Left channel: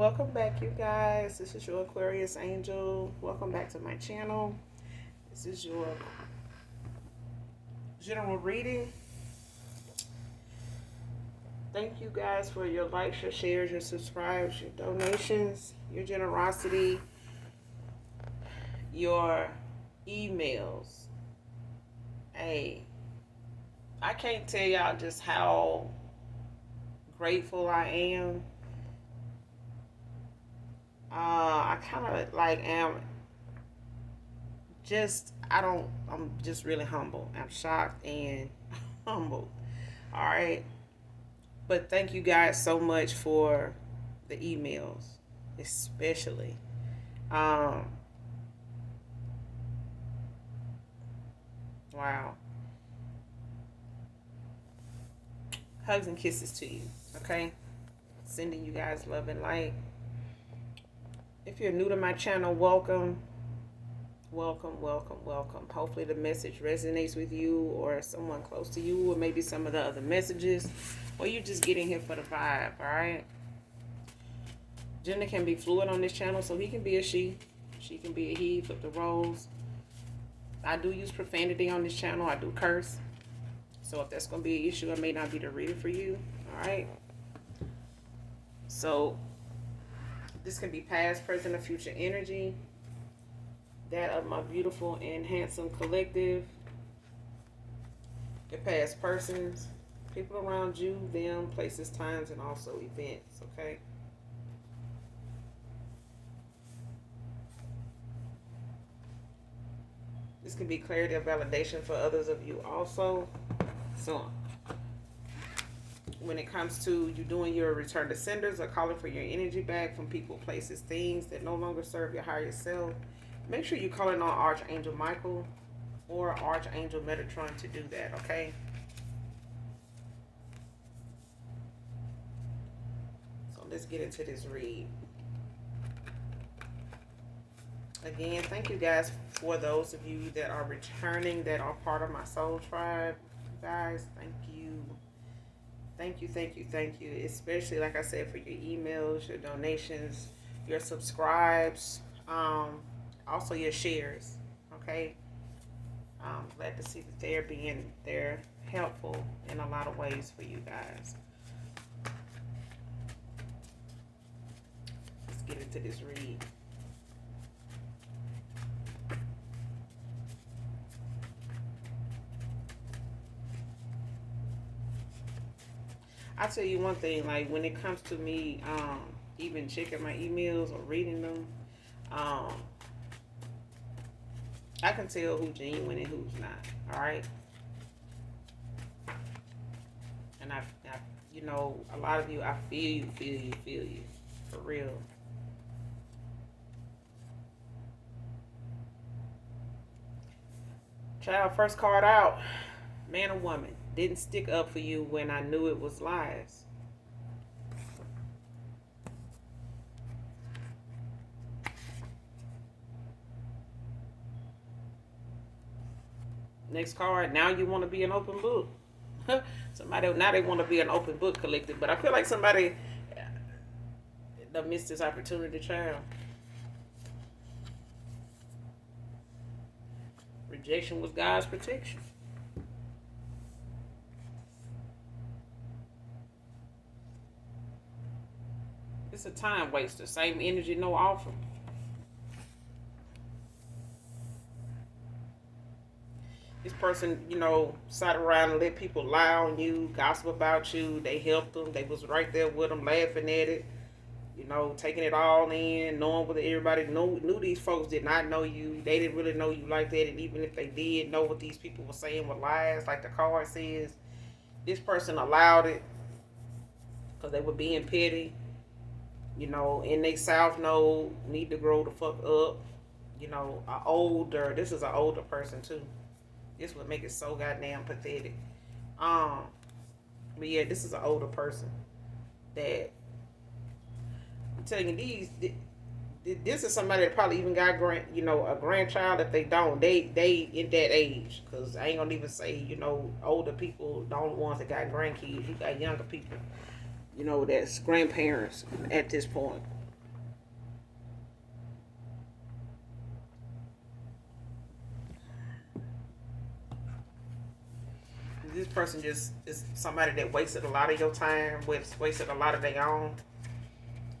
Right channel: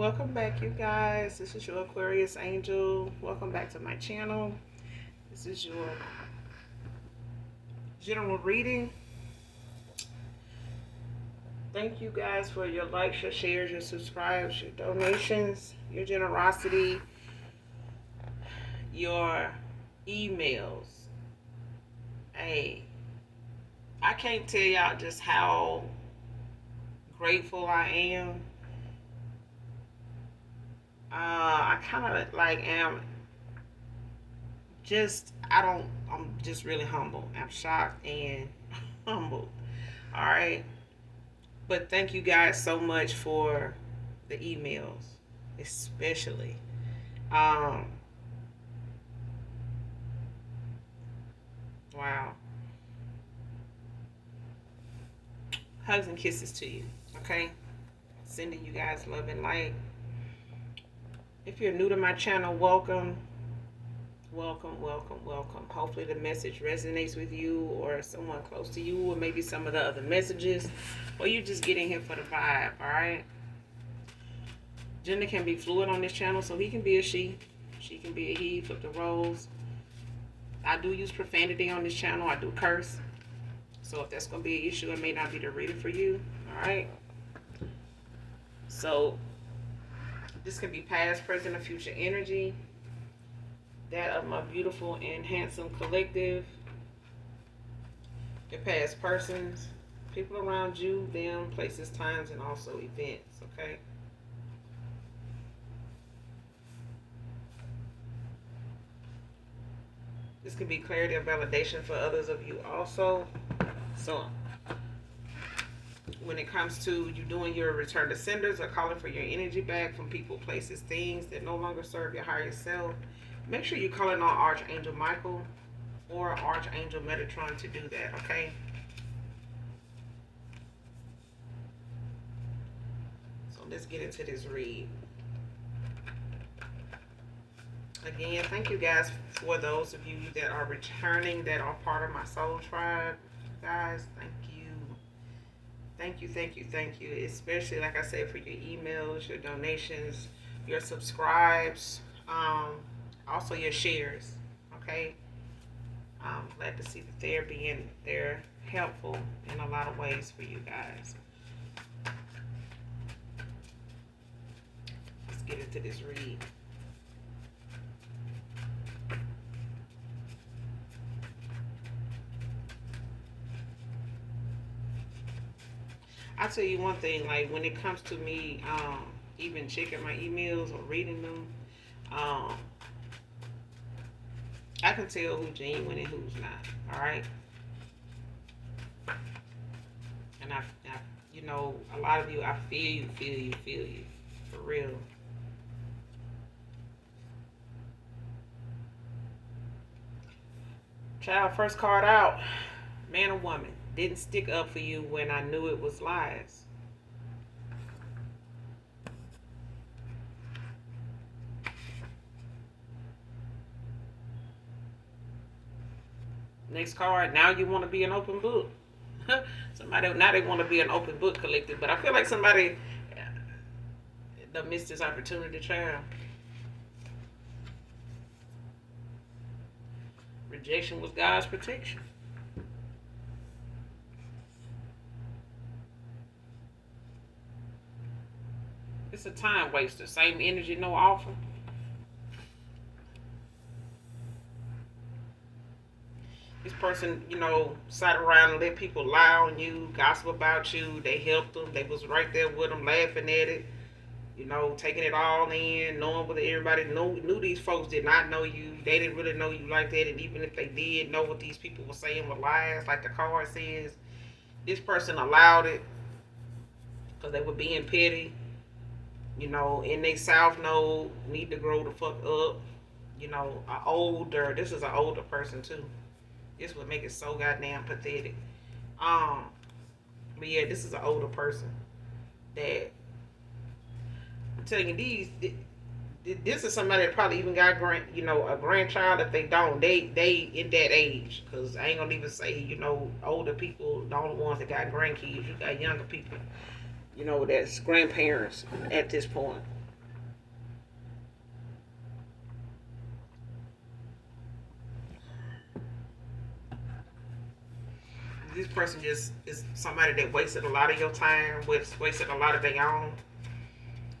Welcome back, you guys. This is your Aquarius Angel. Welcome back to my channel. This is your general reading. Thank you guys for your likes, your shares, your subscribes, your donations, your generosity, your emails. Hey, I can't tell y'all just how grateful I am. I kind of like am I'm just really humble. I'm shocked and humble. All right. But thank you guys so much for the emails, especially. Um, wow. Hugs and kisses to you. Okay. Sending you guys love and light. If you're new to my channel, welcome. Welcome, welcome, welcome. Hopefully the message resonates with you or someone close to you, or maybe some of the other messages, or you're just getting here for the vibe, all right? Gender can be fluid on this channel, so he can be a she can be a he, flip the roles. I do use profanity on this channel. I do curse. So if that's going to be an issue, it may not be the reader for you, all right? So this can be past, present, or future energy. That of my beautiful and handsome collective, your past persons, people around you, them, places, times, and also events, okay? This can be clarity or validation for others of you also. So when it comes to you doing your return to senders or calling for your energy back from people, places, things that no longer serve your higher self, make sure you're calling on Archangel Michael or Archangel Metatron to do that, okay? So let's get into this read. Again, thank you guys for those of you that are returning, that are part of my soul tribe. Guys, thank you. Thank you, thank you, thank you. Especially, like I said, for your emails, your donations, your subscribes, also your shares, okay? I'm glad to see that they're helpful in a lot of ways for you guys. Let's get into this read. I'll tell you one thing, like when it comes to me even checking my emails or reading them, I can tell who's genuine and who's not. All right, and you know, a lot of you, I feel you, for real. Child, first card out, man or woman, didn't stick up for you when I knew it was lies. Next card, now you want to be an open book. Somebody now they want to be an open book collective, but I feel like somebody that missed this opportunity, child. Rejection was God's protection. It's a time waster. Same energy, no offer. This person, you know, sat around and let people lie on you, gossip about you. They helped them. They was right there with them, laughing at it. You know, taking it all in, knowing what everybody knew these folks did not know you. They didn't really know you like that. And even if they did know what these people were saying were lies, like the card says, this person allowed it because they were being petty. You know, in they south node, need to grow the fuck up. You know, this is an older person too. This would make it so goddamn pathetic. Um, but yeah, this is an older person that I'm telling you, this is somebody that probably even got a grandchild. If they don't, they in that age. Cause I ain't gonna even say, you know, older people, the only ones that got grandkids. You got younger people, you know, that's grandparents at this point. person just is somebody that wasted a lot of your time, wasted a lot of their own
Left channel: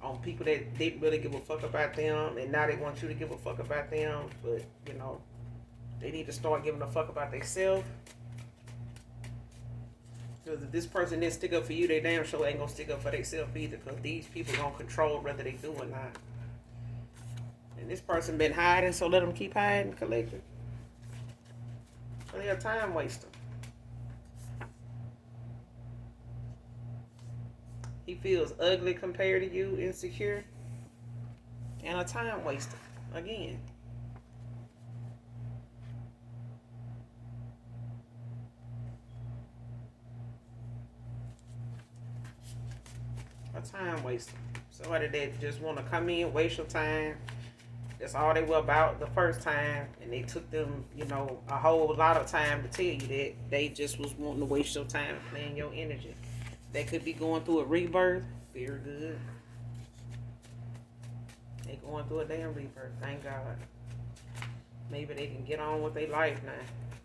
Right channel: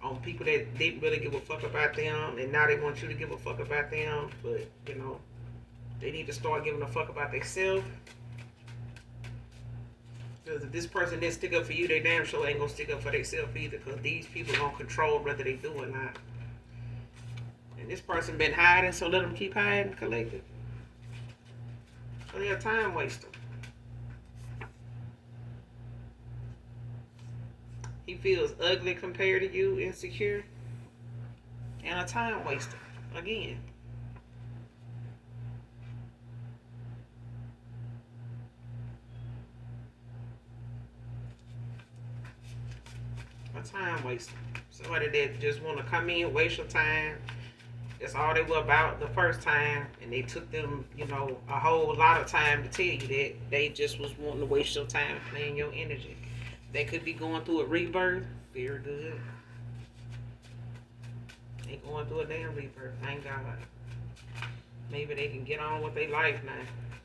on people that didn't really give a fuck about them, and now they want you to give a fuck about them. But they need to start giving a fuck about themselves. Because if this person didn't stick up for you, they damn sure ain't gonna stick up for themselves either. Because these people gonna control whether they do or not. And this person been hiding, so let them keep hiding, collected. They're a time waster. He feels ugly compared to you, insecure, and a time waster. Again. A time waster. Somebody that just want to come in, waste your time. That's all they were about the first time, and they took them, a whole lot of time to tell you that they just was wanting to waste your time, playing your energy. They could be going through a rebirth. Very good. They going through a damn rebirth. Thank God. Maybe they can get on with their life now.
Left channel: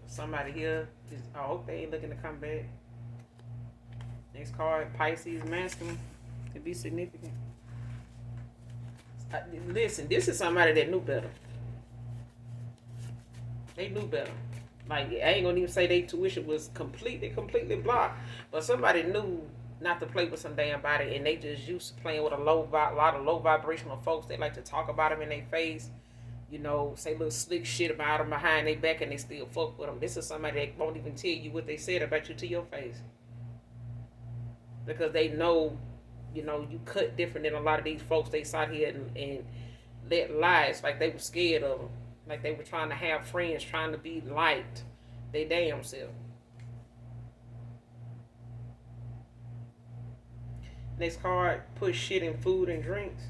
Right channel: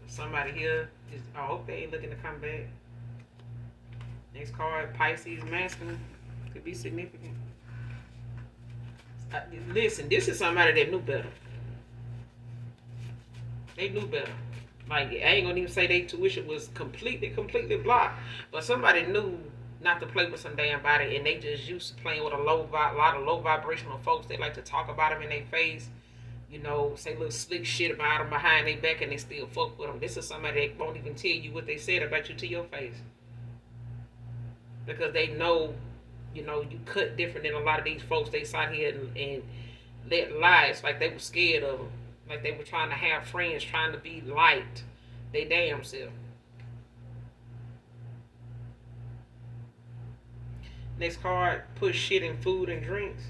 Somebody here is, I hope they ain't looking to come back. Next card, Pisces masculine. Could be significant. Listen, this is somebody that knew better. They knew better. Like, I ain't gonna even say their tuition was completely blocked, but somebody knew not to play with some damn body, and they just used to playing with a lot of low vibrational folks. They like to talk about them in their face, say little slick shit about them behind their back, and they still fuck with them. This is somebody that won't even tell you what they said about you to your face, because they know, you cut different than a lot of these folks. They sat here and let lies, like they were scared of them. Like they were trying to have friends, trying to be liked. They damn self. Next card, put shit in food and drinks.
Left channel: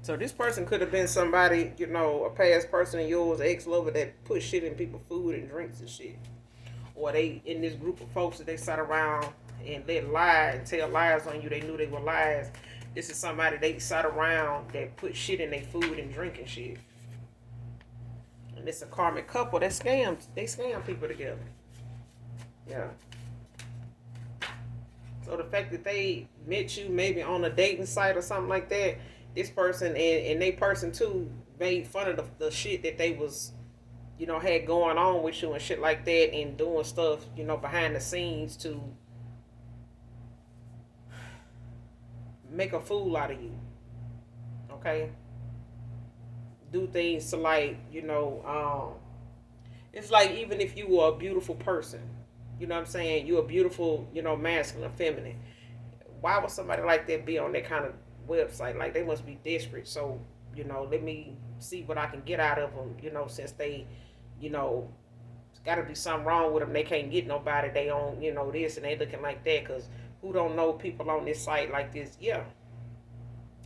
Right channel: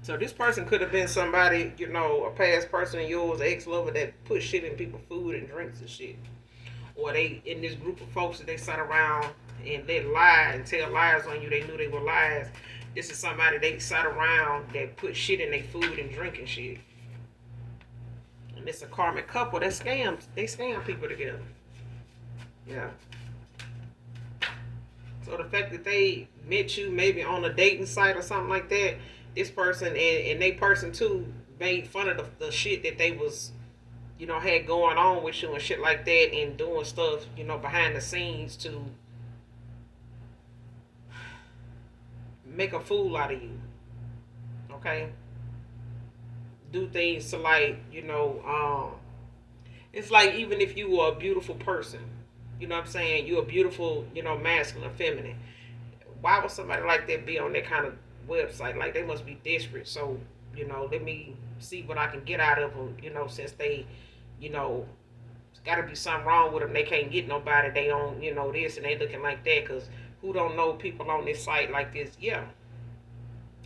So this person could have been somebody, a past person of yours, ex-lover, that put shit in people's food and drinks and shit. Or they, in this group of folks that they sat around and let lie and tell lies on you, they knew they were lies. This is somebody they sat around that put shit in their food and drinking shit. And it's a karmic couple that scams. They scam people together. Yeah. So the fact that they met you maybe on a dating site or something like that, this person and they person too made fun of the shit that they was, had going on with you and shit like that, and doing stuff, behind the scenes to make a fool out of you. Okay? Do things to it's like, even if you were a beautiful person, what I'm saying? You're a beautiful, masculine, feminine. Why would somebody like that be on that kind of website? Like, they must be desperate. So, let me see what I can get out of them, since they, got to be something wrong with them. They can't get nobody. They don't, this, and they looking like that. Because who don't know people on this site like this? Yeah.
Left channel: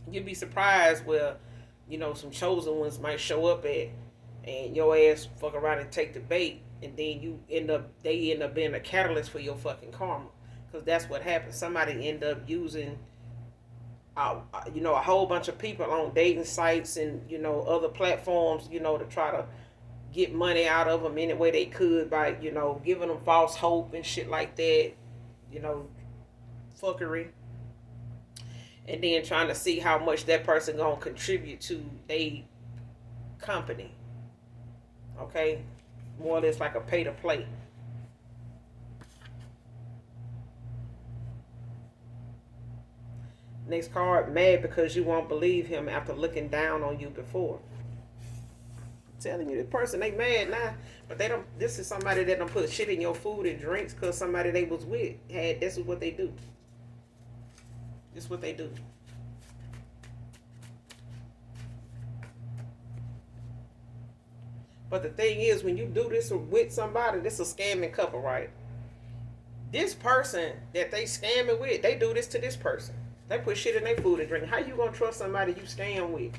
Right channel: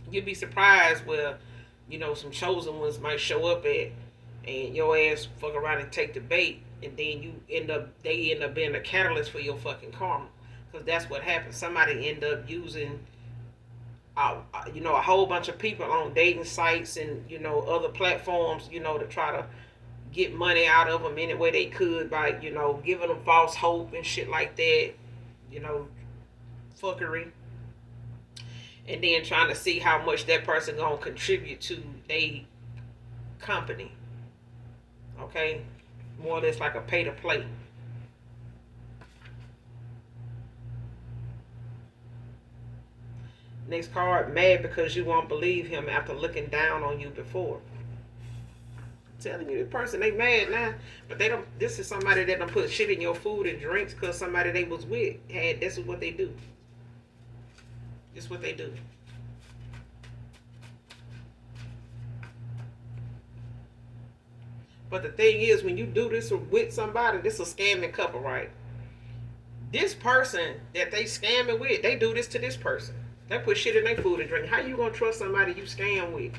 You'd be surprised where, some chosen ones might show up at, and your ass fuck around and take the bait, and then they end up being a catalyst for your fucking karma. Because that's what happens. Somebody end up using, a whole bunch of people on dating sites and, other platforms, to try to get money out of them any way they could by, giving them false hope and shit like that, fuckery. And then trying to see how much that person gonna contribute to a company. Okay? More or less like a pay to play. Next card, mad because you won't believe him after looking down on you before. I'm telling you, the person, they mad now, but they don't. This is somebody that don't put shit in your food and drinks because somebody they was with had. This is what they do. This is what they do. But the thing is, when you do this with somebody, this is a scamming couple, right? This person that they scamming with, they do this to this person. They put shit in their food and drink. How you gonna trust somebody you scam with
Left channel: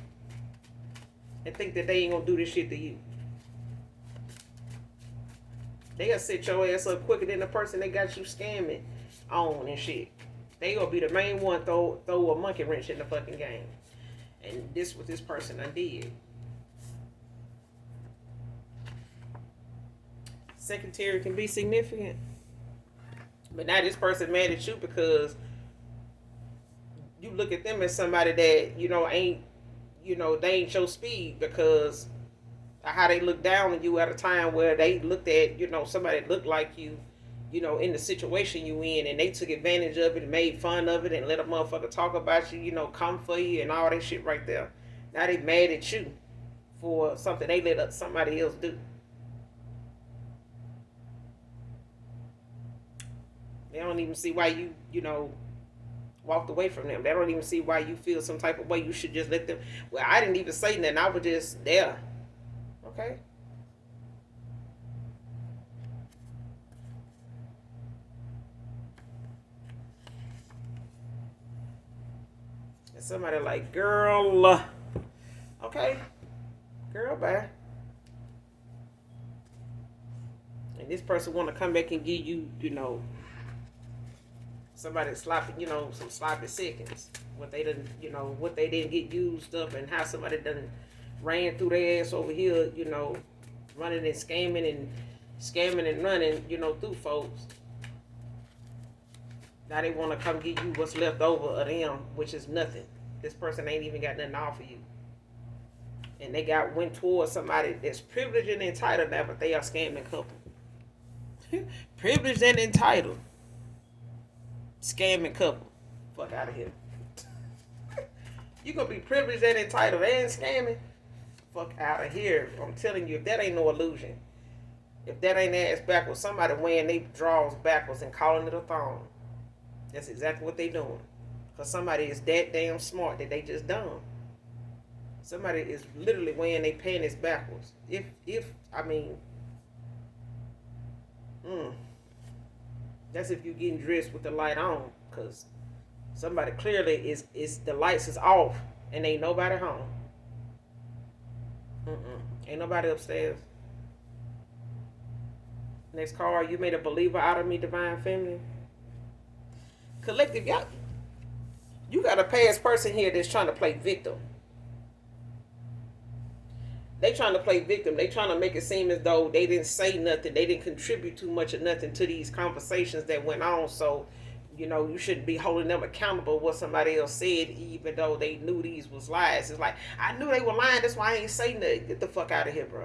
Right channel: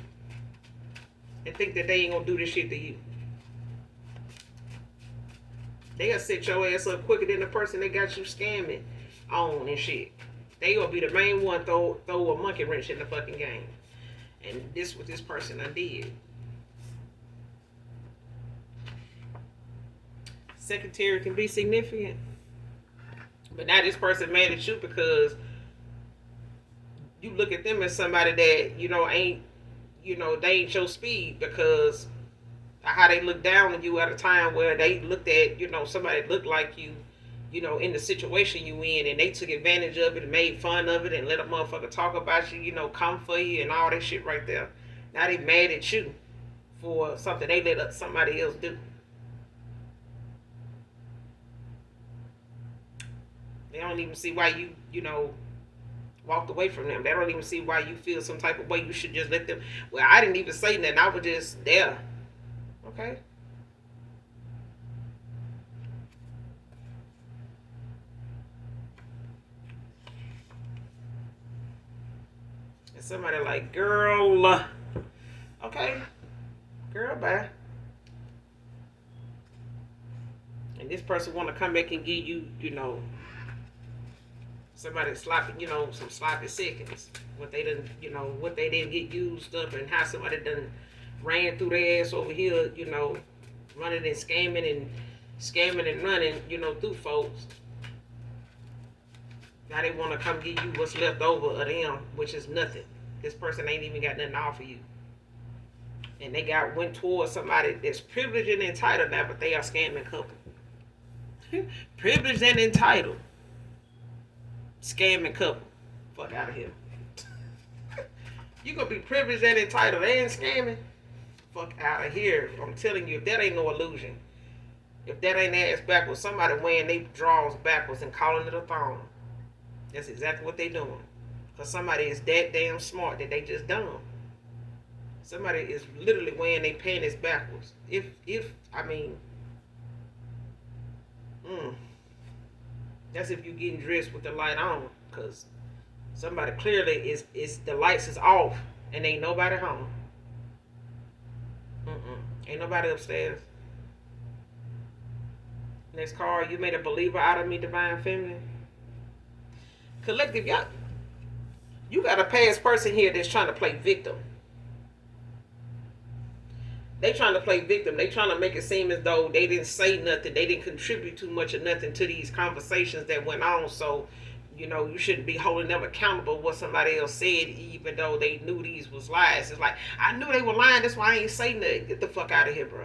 and think that they ain't gonna do this shit to you? They'll set your ass up quicker than the person they got you scamming on and shit. They gonna be the main one throw a monkey wrench in the fucking game. And this what this person I did. Secretary can be significant. But now this person mad at you because you look at them as somebody that, ain't, they ain't your speed because how they look down on you at a time where they looked at, somebody that looked like you, in the situation you in, and they took advantage of it and made fun of it and let a motherfucker talk about you, come for you and all that shit right there. Now they mad at you for something they let somebody else do. They don't even see why you walked away from them. They don't even see why you feel some type of way. You should just let them. Well, I didn't even say nothing. I was just there. Okay. And somebody like, girl, okay, girl, bye. And this person want to come back and give you, somebody sloppy, some sloppy seconds. What they didn't, what they didn't get used up, and how somebody done ran through their ass over here, running and scamming and running, through folks. Now they want to come give you what's left over of them, which is nothing. This person ain't even got nothing to offer you. And they went towards somebody that's privileged and entitled now, but they are scamming couple. Privileged and entitled. Scamming couple. Fuck out of here. You gonna be privileged and entitled and scamming? Fuck out of here. I'm telling you, if that ain't no illusion. If that ain't ass backwards, somebody wearing their drawers backwards and calling it a thong. That's exactly what they doing. Because somebody is that damn smart that they just dumb. Somebody is literally wearing their panties backwards. That's if you getting dressed with the light on. Because somebody clearly is the lights is off and ain't nobody home. Ain't nobody upstairs. Next card, you made a believer out of me, divine feminine. Collective, y'all. You got a past person here that's trying to play victim. They trying to play victim. They trying to make it seem as though they didn't say nothing. They didn't contribute too much or nothing to these conversations that went on. So, you shouldn't be holding them accountable what somebody else said, even though they knew these was lies. It's like, I knew they were lying. That's why I ain't saying nothing. Get the fuck out of here, bro.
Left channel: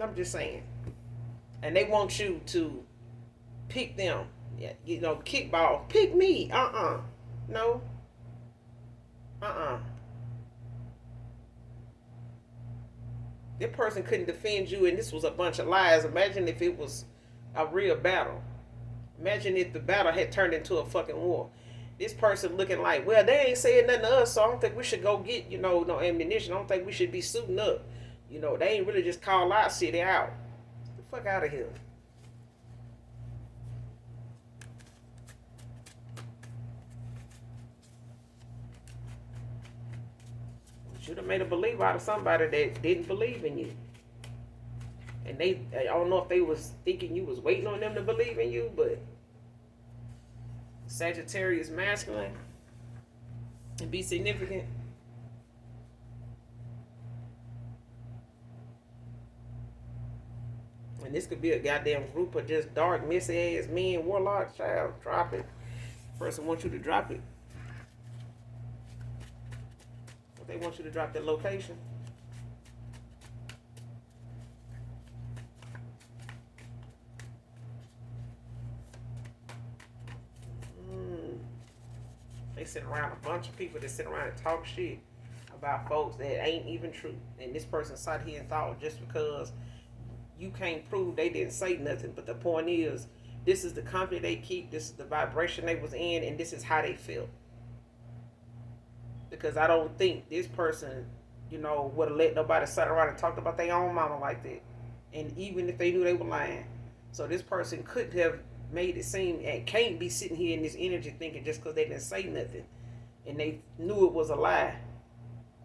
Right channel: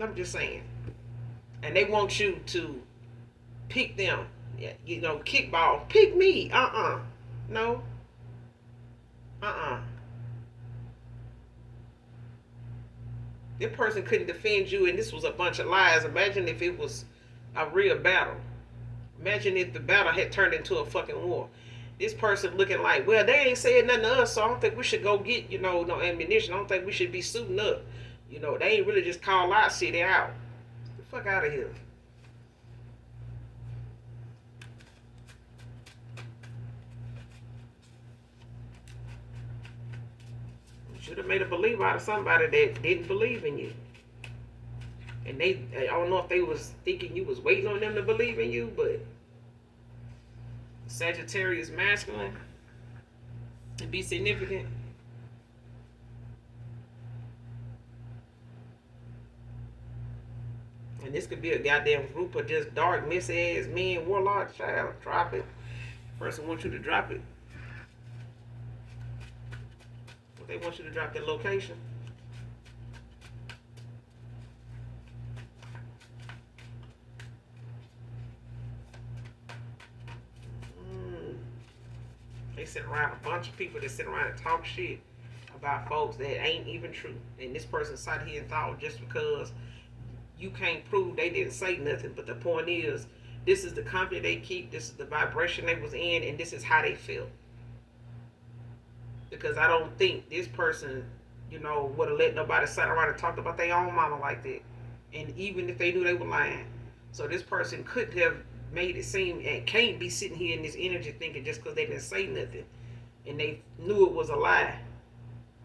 I'm just saying. And they want you to pick them. Kickball. Pick me. No. That person couldn't defend you, and this was a bunch of lies. Imagine if it was a real battle. Imagine if the battle had turned into a fucking war. This person looking like, well, they ain't saying nothing to us, so I don't think we should go get, no ammunition. I don't think we should be suiting up. They ain't really just call our city out. Get the fuck out of here. Should have made a believer out of somebody that didn't believe in you. And I don't know if they was thinking you was waiting on them to believe in you, but Sagittarius masculine to be significant. And this could be a goddamn group of just dark, miss-ass men, warlocks, child. Drop it. Person wants you to drop it. They want you to drop their location. They sit around, a bunch of people that sit around and talk shit about folks that ain't even true. And this person sat here and thought just because you can't prove they didn't say nothing. But the point is, this is the company they keep, this is the vibration they was in, and this is how they feel. Because I don't think this person, would have let nobody sit around and talk about their own mama like that. And even if they knew they were lying. So this person could have made it seem, and can't be sitting here in this energy thinking just because they didn't say nothing and they knew it was a lie,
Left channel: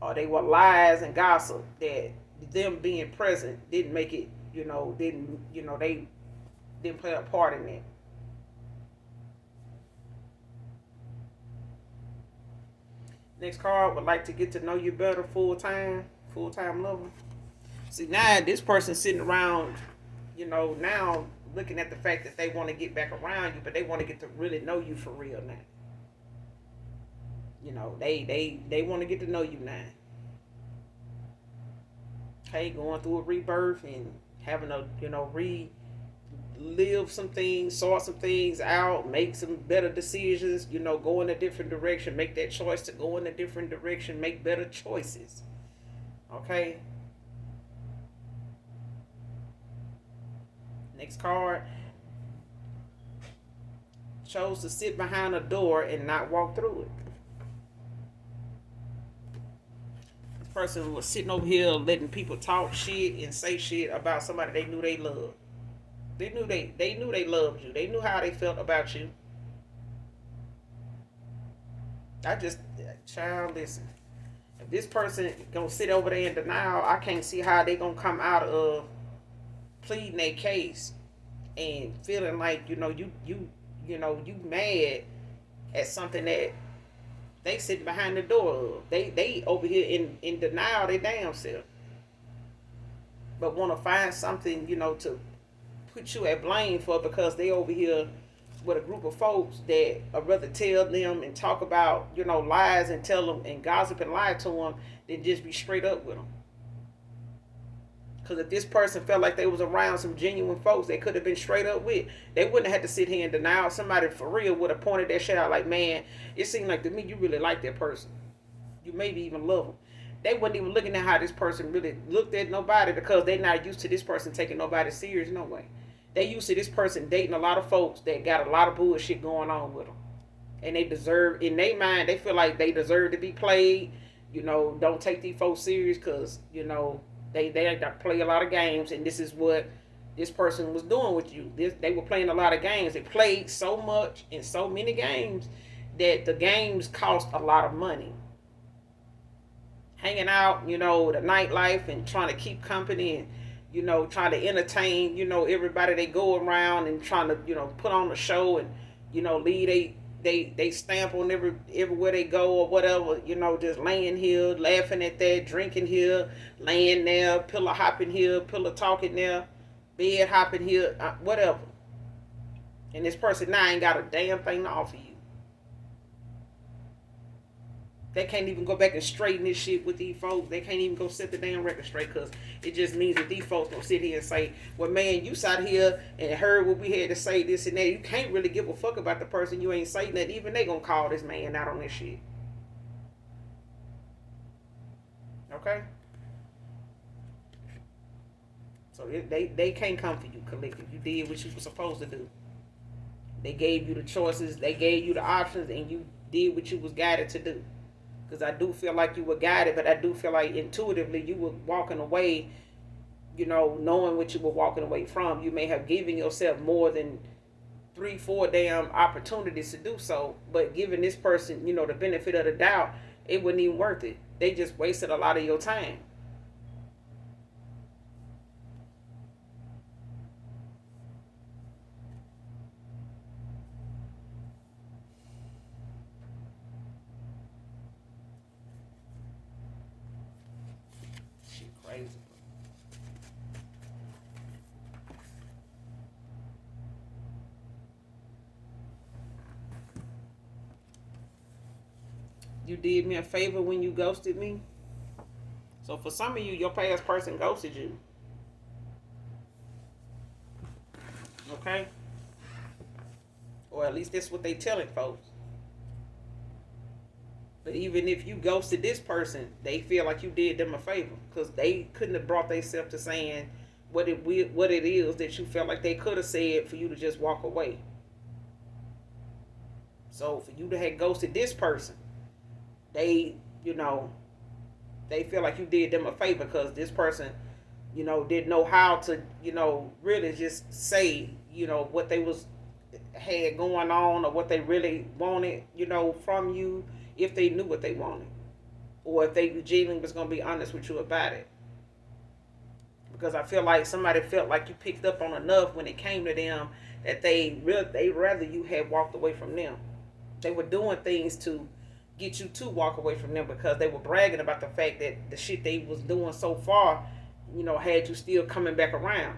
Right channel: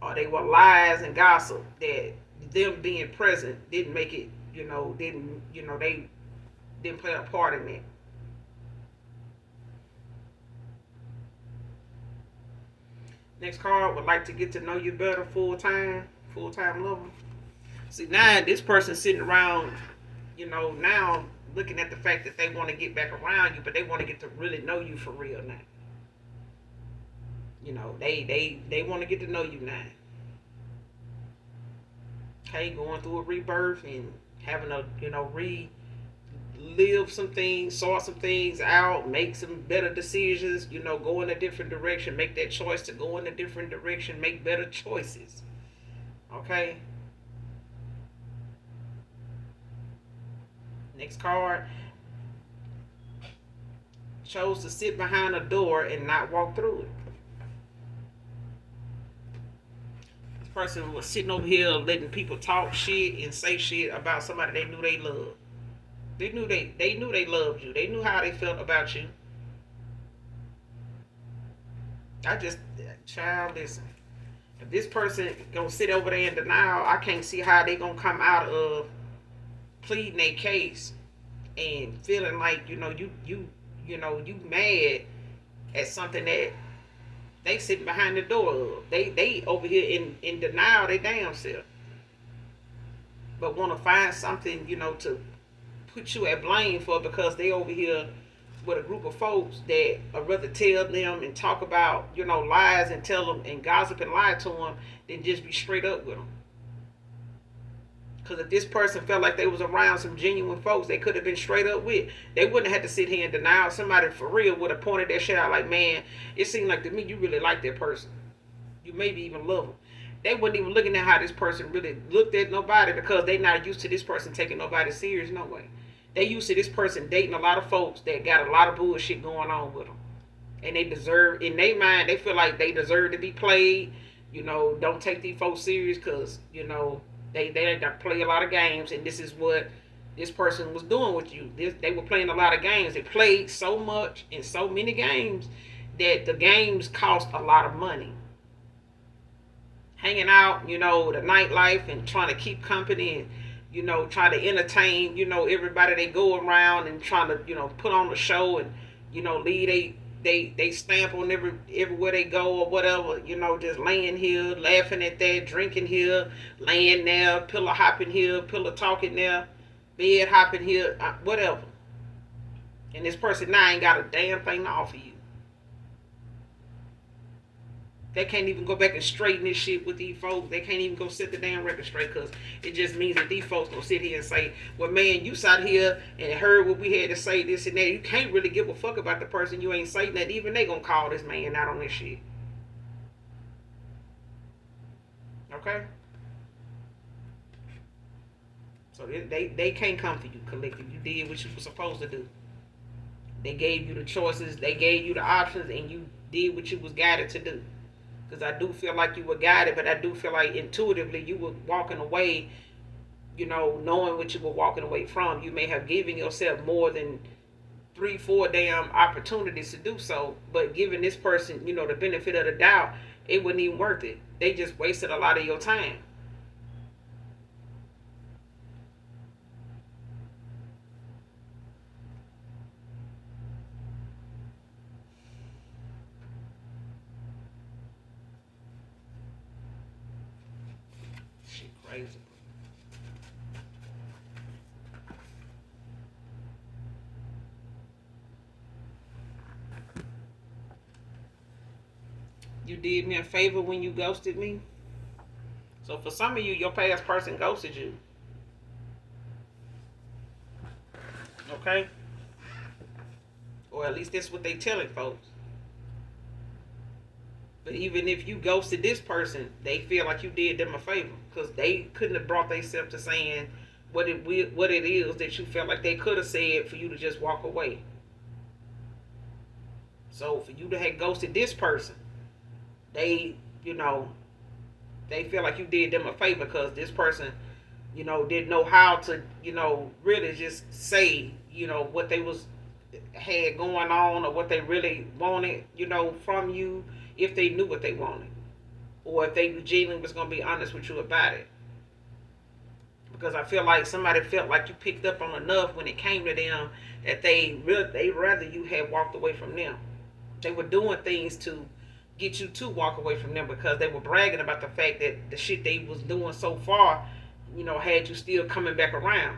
or they were lies and gossip, that them being present didn't make it, they didn't play a part in it. Next card, would like to get to know you better full time. full-time lover. See, now this person sitting around, now looking at the fact that they want to get back around you, but they want to get to really know you for real now. They want to get to know you now. Okay, going through a rebirth and having a relive some things, sort some things out, make some better decisions. Go in a different direction, make that choice to go in a different direction, make better choices. Okay. Next card. Chose to sit behind a door and not walk through it. This person was sitting over here letting people talk shit and say shit about somebody they knew they loved. They knew they loved you. They knew how they felt about you. Child, listen. If this person gonna sit over there in denial, I can't see how they gonna come out of pleading their case and feeling like you mad at something that they sitting behind the door of. They over here in denial they damn self, but want to find something to put you at blame for, because they over here with a group of folks that I'd rather tell them and talk about lies and tell them and gossip and lie to them than just be straight up with them. Because if this person felt like they was around some genuine folks they could have been straight up with, they wouldn't have had to sit here and deny. Somebody for real would have pointed that shit out like, man, it seemed like to me you really like that person. You maybe even love them. They wasn't even looking at how this person really looked at nobody, because they not used to this person taking nobody serious. No way. They used to this person dating a lot of folks that got a lot of bullshit going on with them. And they deserve, in their mind, they feel like they deserve to be played. Don't take these folks serious because, they play a lot of games, and this is what this person was doing with you. They were playing a lot of games. They played so much in so many games that the games cost a lot of money. Hanging out, the nightlife and trying to keep company and, trying to entertain, everybody they go around and trying to, put on a show and, leave they stamp on everywhere they go or whatever, just laying here, laughing at that, drinking here, laying there, pillow hopping here, pillow talking there, bed hopping here, whatever. And this person now ain't got a damn thing to offer you. They can't even go back and straighten this shit with these folks. They can't even go set the damn record straight, because it just means that these folks don't sit here and say, well, man, you sat here and heard what we had to say, this and that. You can't really give a fuck about the person you ain't saying that. Even they gonna call this man out on this shit. Okay? So they can't come for you, collective. You did what you were supposed to do. They gave you the choices. They gave you the options, and you did what you was guided to do. Because I do feel like you were guided, but I do feel like intuitively you were walking away, knowing what you were walking away from. You may have given yourself more than 3-4 damn opportunities to do so, but giving this person, the benefit of the doubt, it wasn't even worth it. They just wasted a lot of your time. Crazy. You did me a favor when you ghosted me. So for some of you, your past person ghosted you. Okay? Or at least that's what they telling folks. But even if you ghosted this person, they feel like you did them a favor, because they couldn't have brought themselves to saying what it is that you felt like they could have said for you to just walk away. So for you to have ghosted this person, they feel like you did them a favor, because this person, didn't know how to, really just say, what they had going on, or what they really wanted, from you, if they knew what they wanted, or if they genuinely was going to be honest with you about it. Because I feel like somebody felt like you picked up on enough when it came to them that they rather you had walked away from them. They were doing things to get you to walk away from them because they were bragging about the fact that the shit they was doing so far, had you still coming back around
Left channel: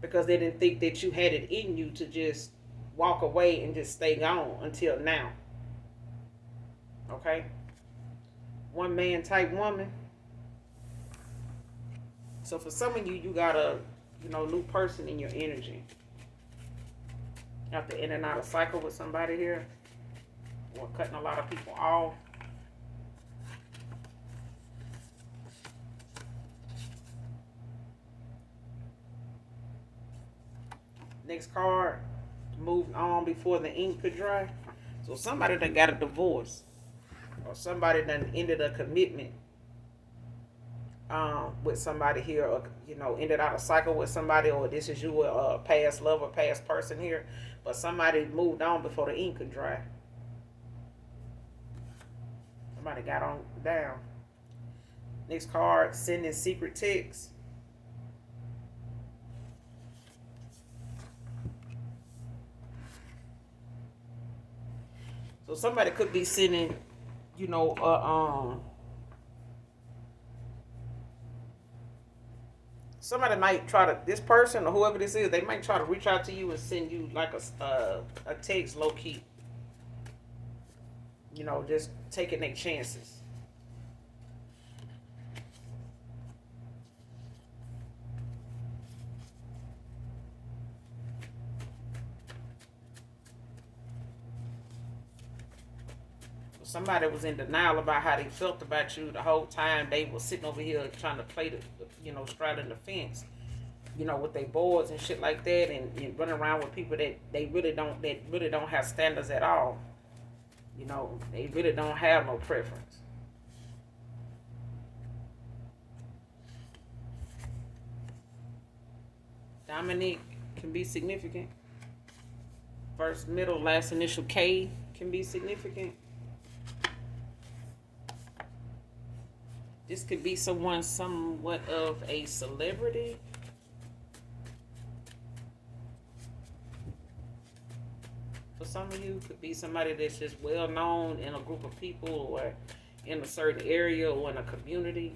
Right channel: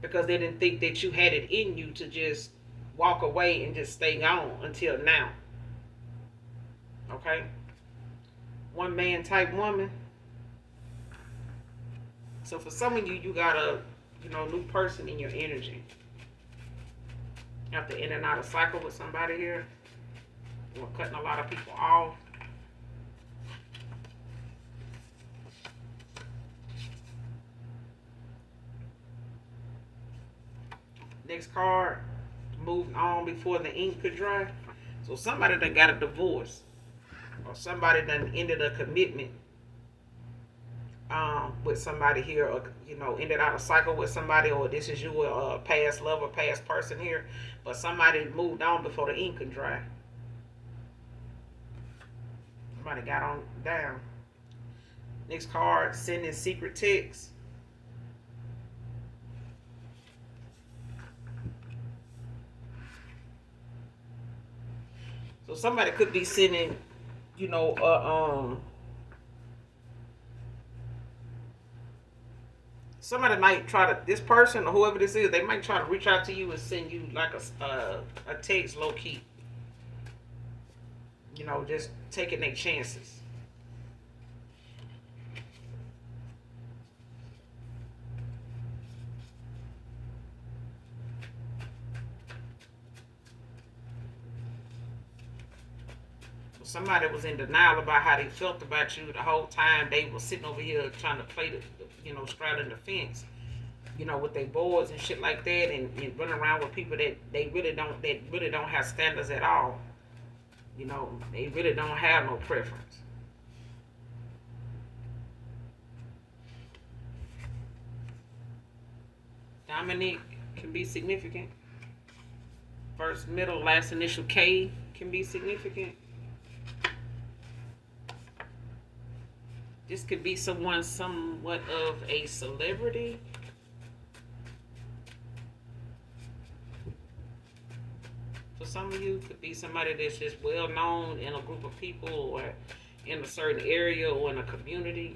because they didn't think that you had it in you to just walk away and just stay gone until now. Okay? One man type woman. So for some of you, you got a new person in your energy. You have to in and out of cycle with somebody here. We're cutting a lot of people off. Next card, moved on before the ink could dry. So somebody that got a divorce, or somebody that ended a commitment with somebody here, or ended out a cycle with somebody, or this is you, a past love or past person here, but somebody moved on before the ink could dry. Somebody got on down. Next card, sending secret texts. So somebody could be sending, somebody might try to, this person or whoever this is, they might try to reach out to you and send you like a text low key. Just taking their chances. Somebody was in denial about how they felt about you the whole time. They were sitting over here trying to play straddling the fence, with their boards and shit like that, and running around with people that really don't have standards at all. They really don't have no preference. Dominic can be significant. First, middle, last initial K can be significant. This could be someone somewhat of a celebrity. For some of you, could be somebody that's just well known in a group of people or in a certain area or in a community.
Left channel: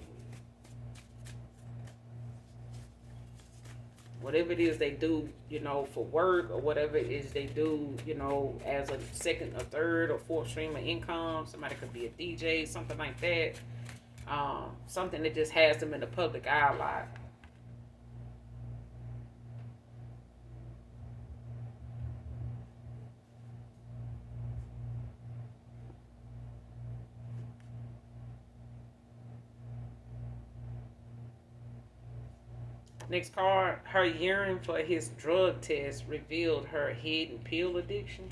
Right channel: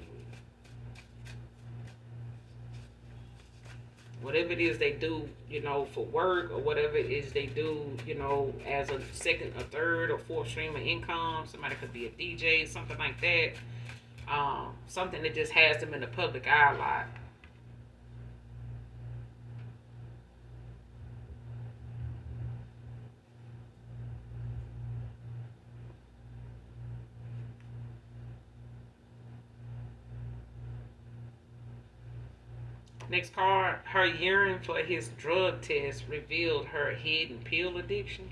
Whatever it is they do, for work, or whatever it is they do, as a second, a third, or fourth stream of income. Somebody could be a DJ, something like that. Something that just has them in the public eye a lot. Next card, her urine for his drug test revealed her hidden pill addiction.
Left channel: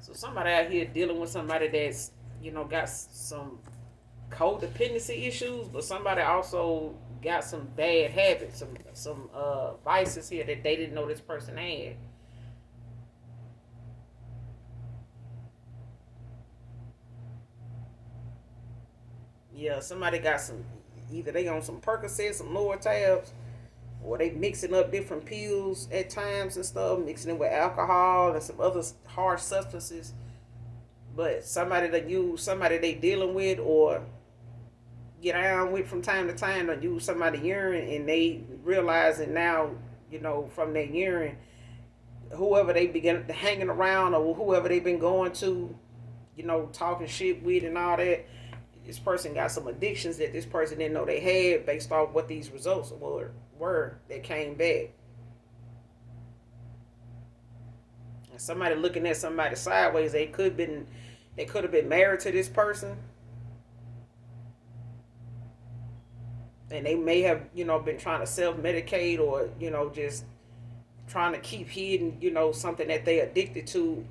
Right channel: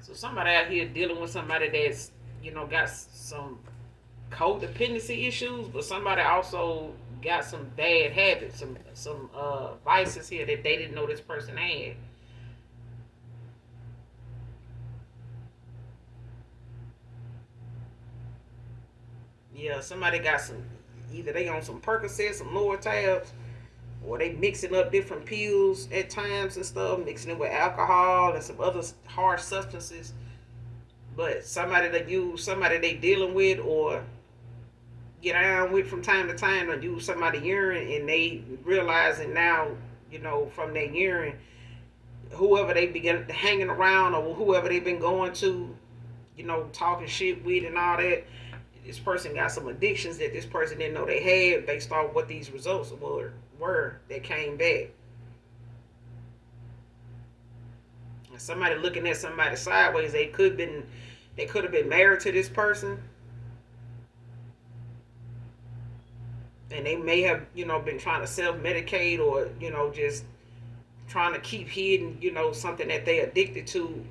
So somebody out here dealing with somebody that's, got some codependency issues, but somebody also got some bad habits, some vices here that they didn't know this person had. Yeah, somebody got some, either they on some Percocet, some lower tabs, or they mixing up different pills at times and stuff, mixing it with alcohol and some other harsh substances. But somebody that use, somebody they dealing with or get around with from time to time, or use somebody urine, and they realize it now, from their urine, whoever they begin hanging around or whoever they've been going to, talking shit with and all that. This person got some addictions that this person didn't know they had based off what these results were that came back. And somebody looking at somebody sideways, they could have been married to this person, and they may have been trying to self-medicate, or just trying to keep hidden something that they addicted to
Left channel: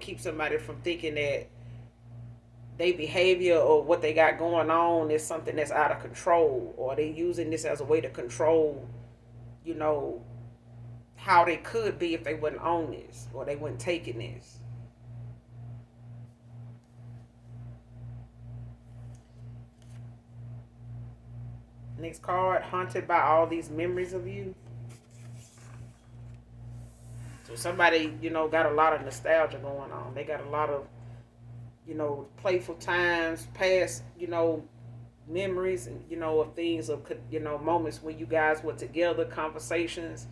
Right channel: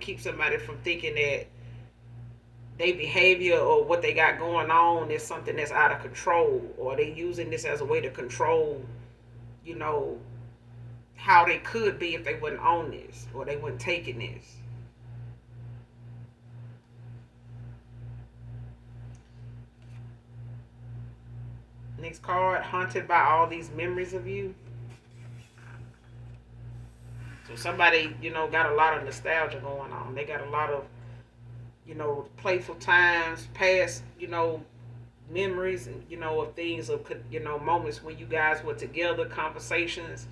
keep somebody from thinking that their behavior or what they got going on is something that's out of control, or they using this as a way to control how they could be if they wasn't on this, or they weren't taking this. Next card, haunted by all these memories of you. So somebody, got a lot of nostalgia going on. They got a lot of, playful times, past, memories, of things, of, moments when you guys were together, conversations,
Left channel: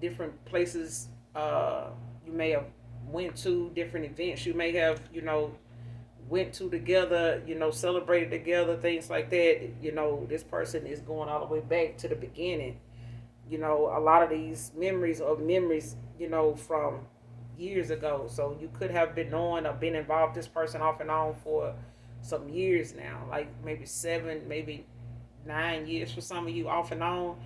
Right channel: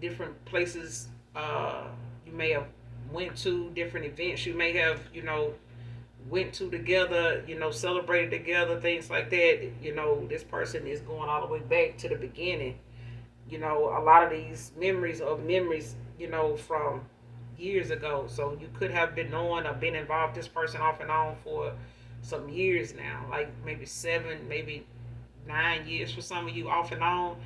different places you may have went to, different events you may have, went to together, celebrated together, things like that. This person is going all the way back to the beginning. A lot of these memories, from years ago. So you could have been knowing or been involved with this person off and on for some years now, like maybe 7, maybe 9 years for some of you, off and on.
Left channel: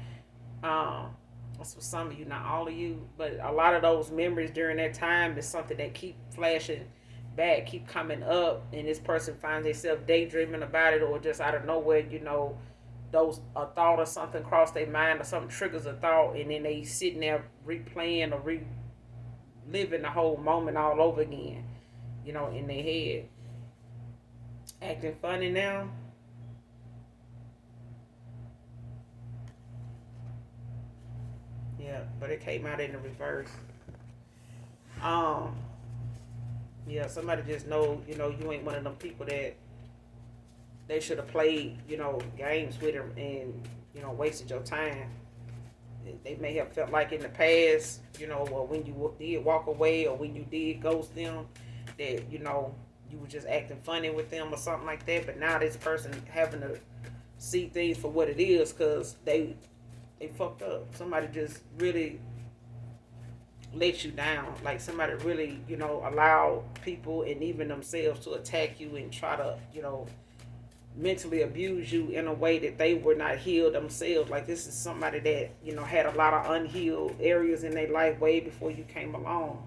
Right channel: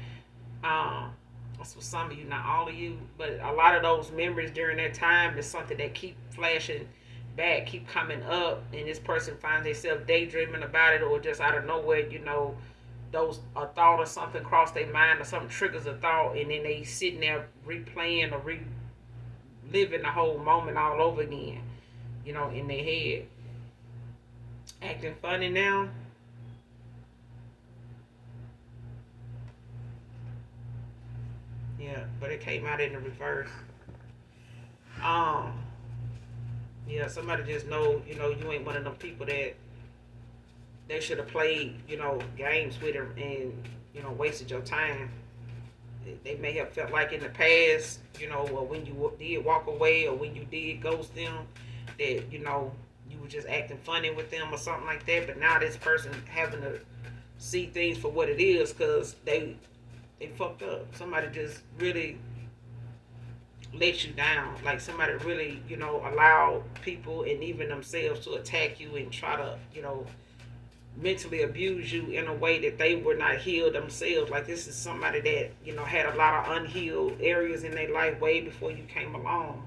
That's for some of you, not all of you, but a lot of those memories during that time is something that keep flashing back, keep coming up, and this person finds themselves daydreaming about it, or just out of nowhere, those a thought or something cross their mind, or something triggers a thought, and then they sitting there replaying or reliving the whole moment all over again, in their head. Acting funny now. Yeah, but it came out in the reverse. Um, yeah, somebody just know, you ain't one of them people that they should have played, games with them and, wasted your time. They may have felt like in the past, or when you did walk away, or when you did ghost them, that, you were just acting funny with them or something like that. But now this person having to see things for what it is, because they fucked up. Somebody just really let you down. Like somebody really, allowed people and even themselves to attack you and try to, mentally abuse you in a way that they were not healed themselves. Like this is somebody that, had a lot of unhealed areas in their life way before you came along.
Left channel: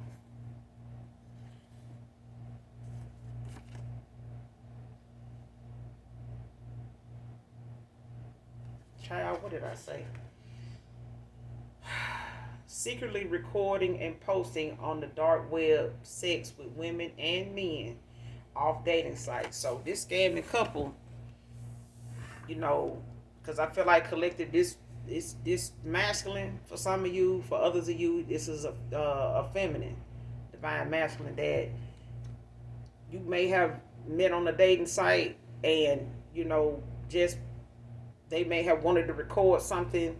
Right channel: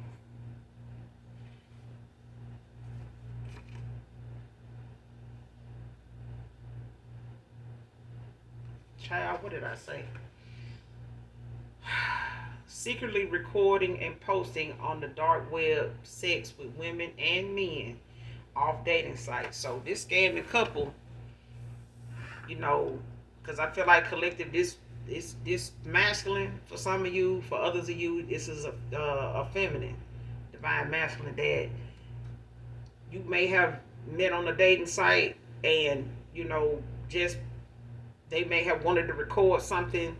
Child, what did I say? Secretly recording and posting on the dark web sex with women and men off dating sites. So this scamming couple, because I feel like collective this masculine for some of you, for others of you, this is a feminine, divine masculine that you may have met on a dating site, and just they may have wanted to record something,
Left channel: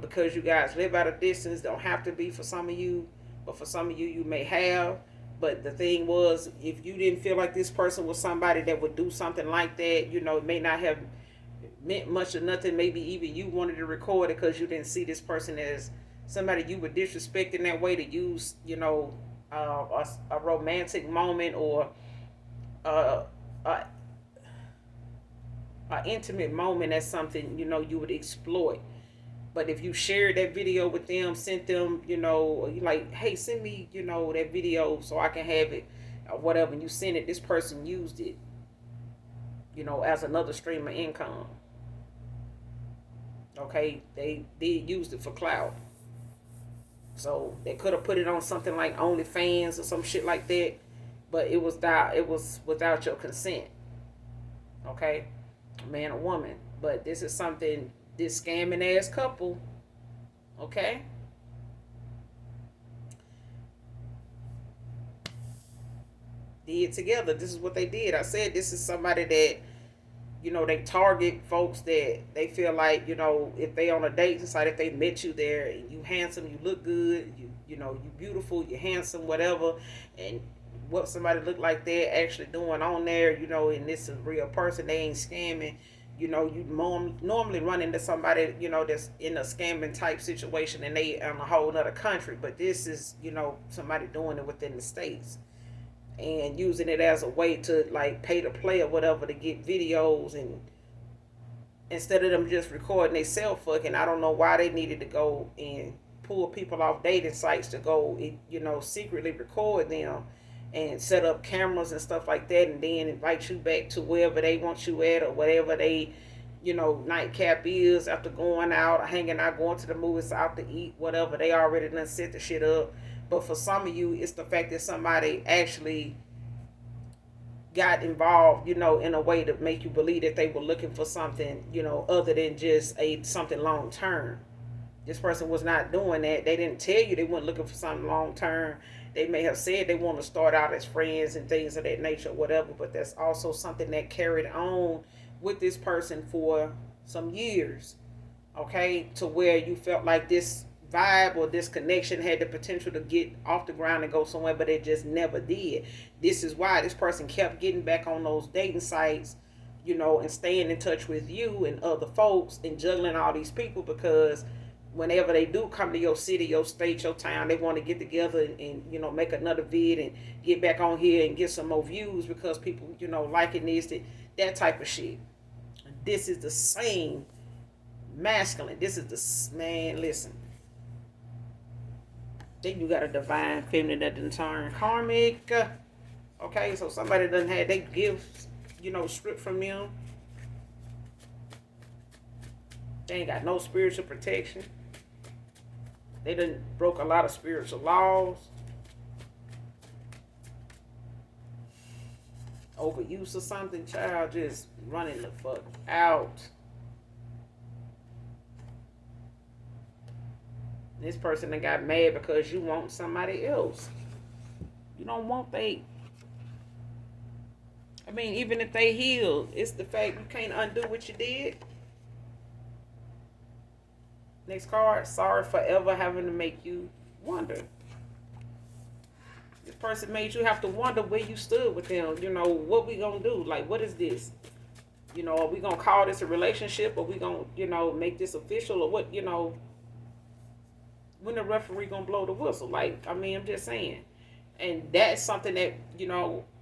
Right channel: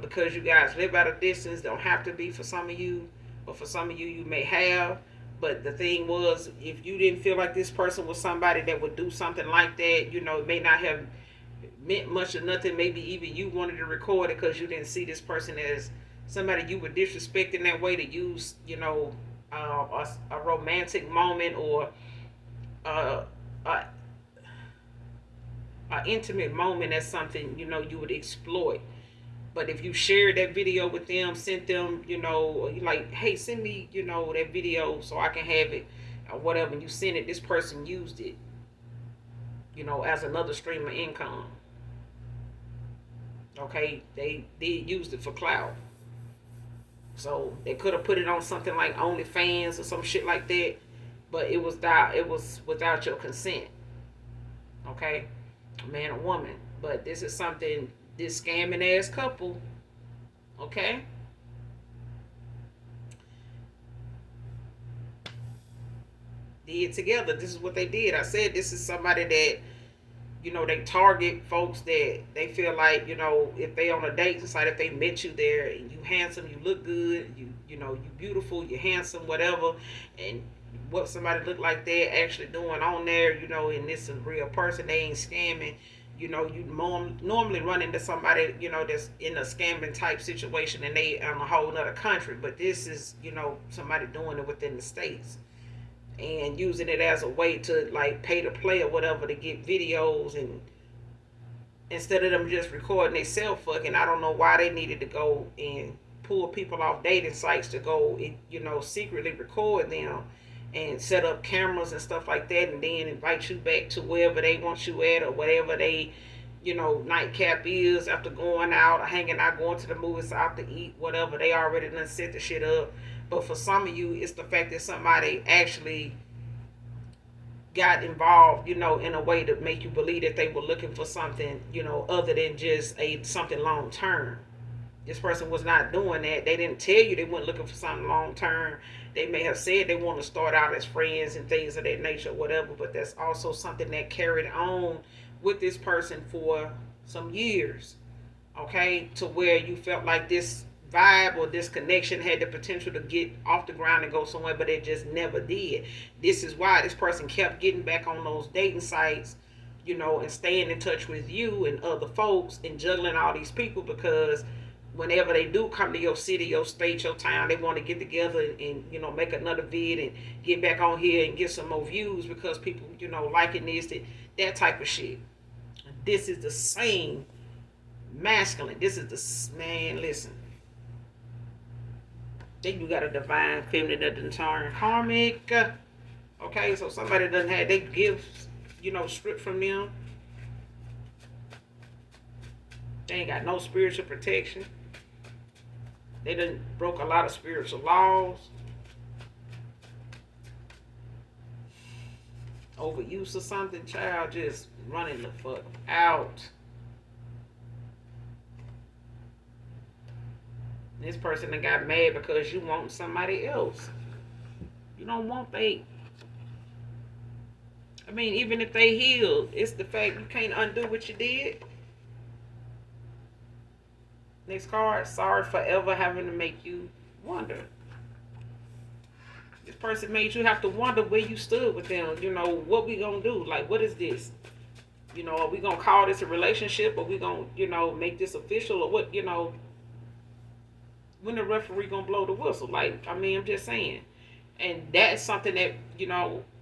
because you guys live at a distance. Don't have to be for some of you, but for some of you, you may have. But the thing was, if you didn't feel like this person was somebody that would do something like that, it may not have meant much or nothing. Maybe even you wanted to record it because you didn't see this person as somebody you would disrespect in that way, to use, a romantic moment, or uh, a, a intimate moment as something, you would exploit. But if you shared that video with them, sent them, you like, hey, send me, that video so I can have it, or whatever, and you send it, this person used it, as another stream of income. Okay, they did use it for clout. So they could have put it on something like OnlyFans or some shit like that, but it was without your consent. Okay, man or woman. But this is something this scamming ass couple, okay, did together. This is what they did. I said this is somebody that, they target folks that they feel like, if they on a dating site, if they met you there and you handsome, you look good, you beautiful, you handsome, whatever, and what somebody look like they're actually doing on there, and this is a real person, they ain't scamming. You normally run into somebody, that's in a scamming type situation, and they in a whole nother country. But this is, somebody doing it within the states and using it as a way to like pay to play or whatever, to get videos, and instead of them just recording themselves fucking. I don't know why they needed to go and pull people off dating sites to go, secretly record them and set up cameras and stuff like that, and then invite you back to wherever they want you at, or whatever they, nightcap is, after going out, hanging out, going to the movies, out to eat, whatever. They already done set the shit up. But for some of you, it's the fact that somebody actually got involved, in a way to make you believe that they were looking for something, other than just a something long term. This person was not doing that. They didn't tell you they weren't looking for something long term. They may have said they want to start out as friends and things of that nature, whatever, but that's also something that carried on with this person for some years, okay, to where you felt like this vibe or this connection had the potential to get off the ground and go somewhere, but it just never did. This is why this person kept getting back on those dating sites, and staying in touch with you and other folks and juggling all these people, because whenever they do come to your city, your state, your town, they want to get together and make another vid and get back on here and get some more views because people liking this, that type of shit. This is the same masculine. This is the man. Listen, then you got a divine feminine that done turn karmic. Okay, so somebody done had they gifts, stripped from them. They ain't got no spiritual protection. They done broke a lot of spiritual laws. Overuse of something, child, just running the fuck out. This person that got mad because you want somebody else. You don't want they. I mean, even if they healed, it's the fact you can't undo what you did. Next card, sorry for ever having to make you wonder. This person made you have to wonder where you stood with them. What we gonna do? Like, what is this? Are we gonna call this a relationship? Or we gonna, make this official? Or what, when the referee gonna blow the whistle? Like, I mean, I'm just saying. And that's something that,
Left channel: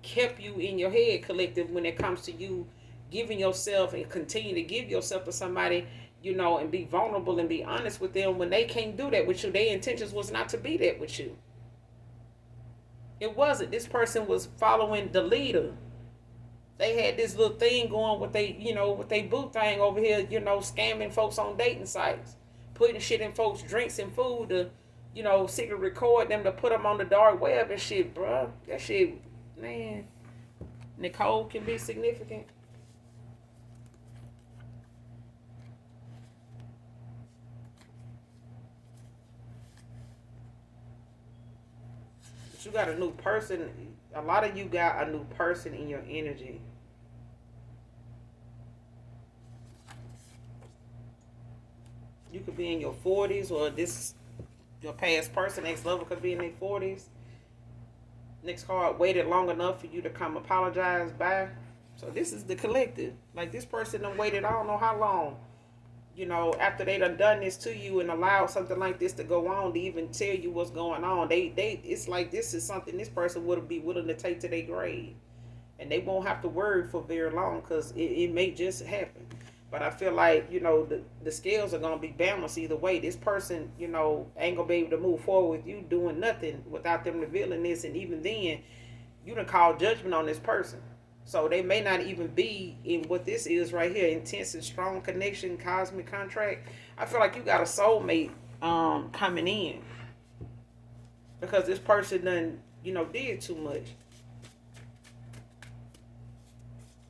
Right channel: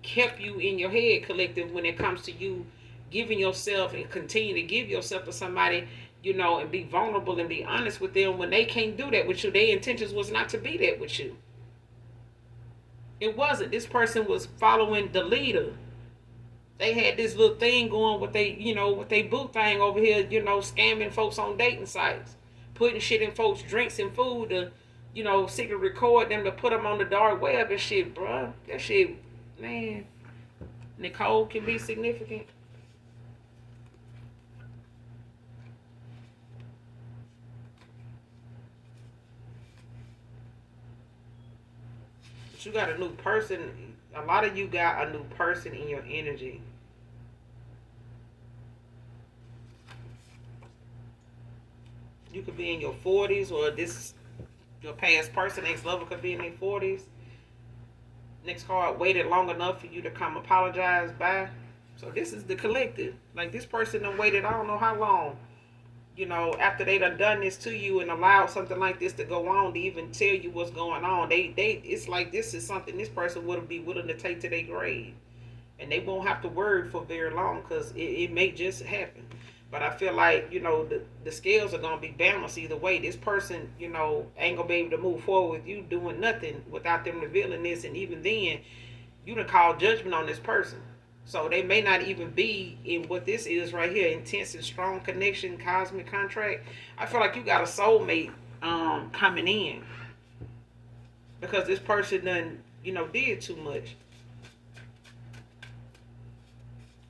kept you in your head, collective, when it comes to you giving yourself and continue to give yourself to somebody, and be vulnerable and be honest with them when they can't do that with you. Their intentions was not to be that with you. It wasn't. This person was following the leader. They had this little thing going with with they boo thing over here, scamming folks on dating sites, putting shit in folks' drinks and food to, secret record them to put them on the dark web and shit, bruh. That shit, man. Nicole can be significant. But you got a new person. A lot of you got a new person in your energy. You could be in your 40s, or this your past person, ex-lover, could be in their 40s. Next card, waited long enough for you to come apologize. Bye. So this is the collective. Like, this person done waited I don't know how long. After they done this to you and allowed something like this to go on to even tell you what's going on. They it's like this is something this person would be willing to take to their grave. And they won't have to worry for very long because it may just happen. But I feel like, the scales are going to be balanced either way. This person, ain't going to be able to move forward with you doing nothing without them revealing this. And even then, you done call judgment on this person. So they may not even be in what this is right here, intense and strong connection, cosmic contract. I feel like you got a soulmate coming in. Because this person done, did too much.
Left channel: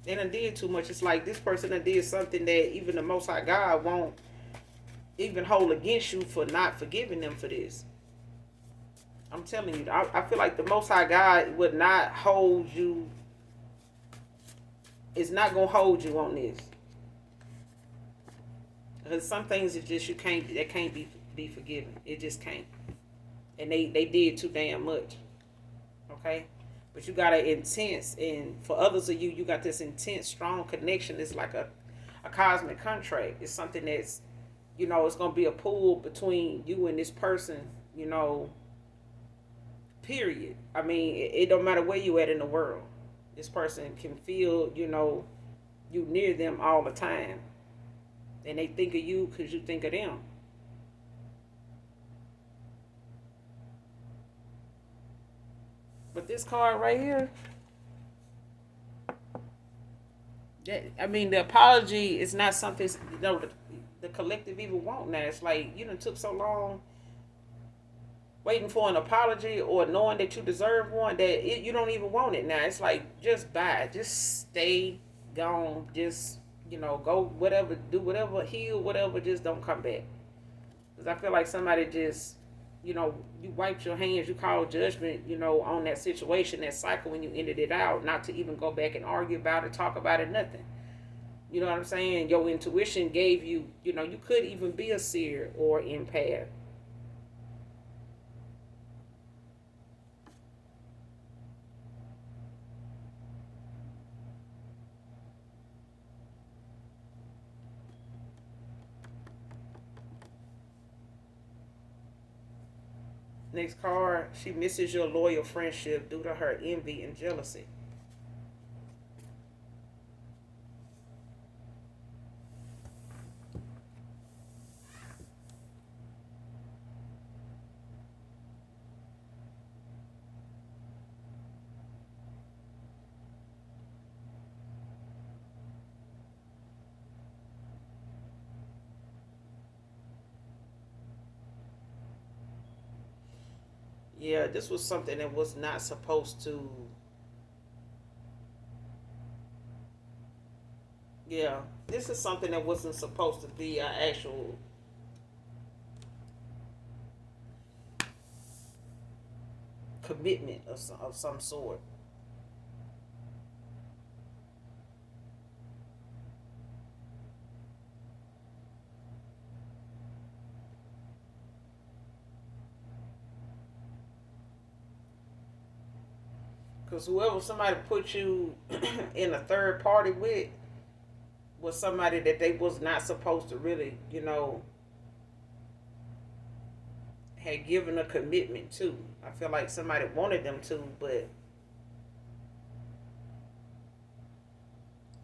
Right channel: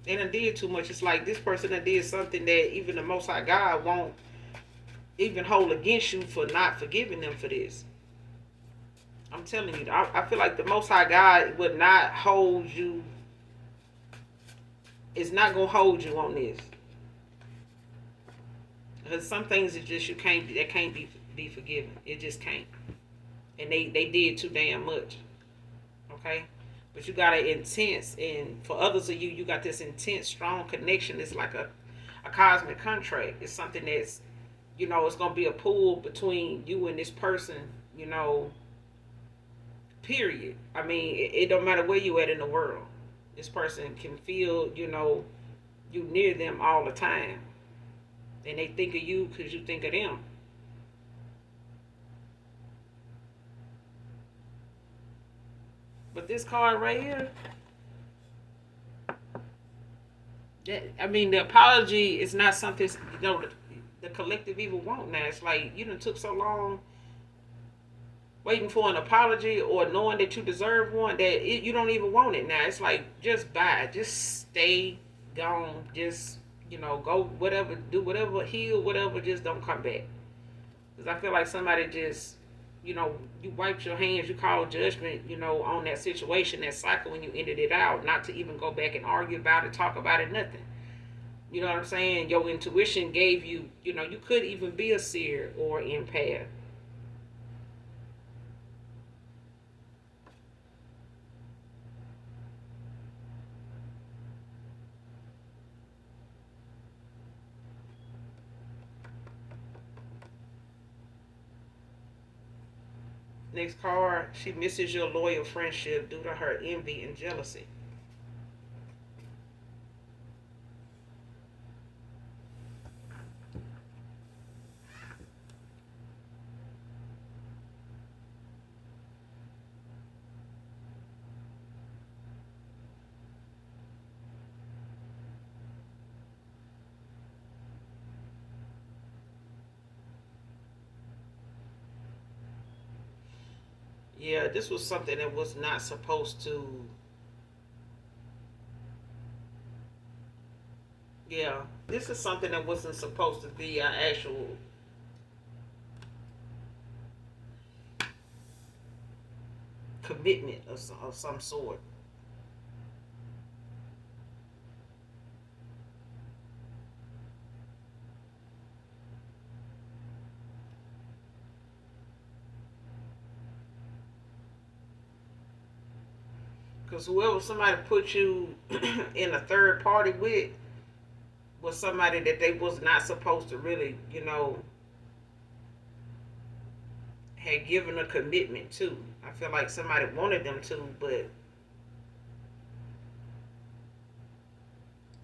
They done did too much. It's like this person done did something that even the Most High God won't even hold against you for not forgiving them for this. I'm telling you, I feel like the Most High God would not hold you. It's not gonna hold you on this. Because some things that just can't be forgiven. It just can't. And they did too damn much. Okay? But you got an intense, and for others of you, you got this intense, strong connection. It's like a cosmic contract. It's something that's, it's going to be a pull between you and this person, period. I mean, it don't matter where you at in the world. This person can feel, you near them all the time. And they think of you because you think of them. But this card right here, the apology is not something, the collective even want now. It's like, you done took so long waiting for an apology or knowing that you deserve one that you don't even want it now. It's like, just bye. Just stay gone. Just, go whatever, do whatever, heal whatever, just don't come back. Because I feel like somebody just, you wiped your hands, you called judgment, on that situation, that cycle, when you ended it out, not to even go back and argue about it, talk about it, nothing. You know what I'm saying? Your intuition gave you, you could even be a seer or empath. Next card, she misses your loyal friendship due to her envy and jealousy. Yeah, this was something that was not supposed to. Yeah, this is something that wasn't supposed to be an actual commitment of some sort. Because whoever somebody put you in a third party with was somebody that they was not supposed to really, had given a commitment to. I feel like somebody wanted them to, but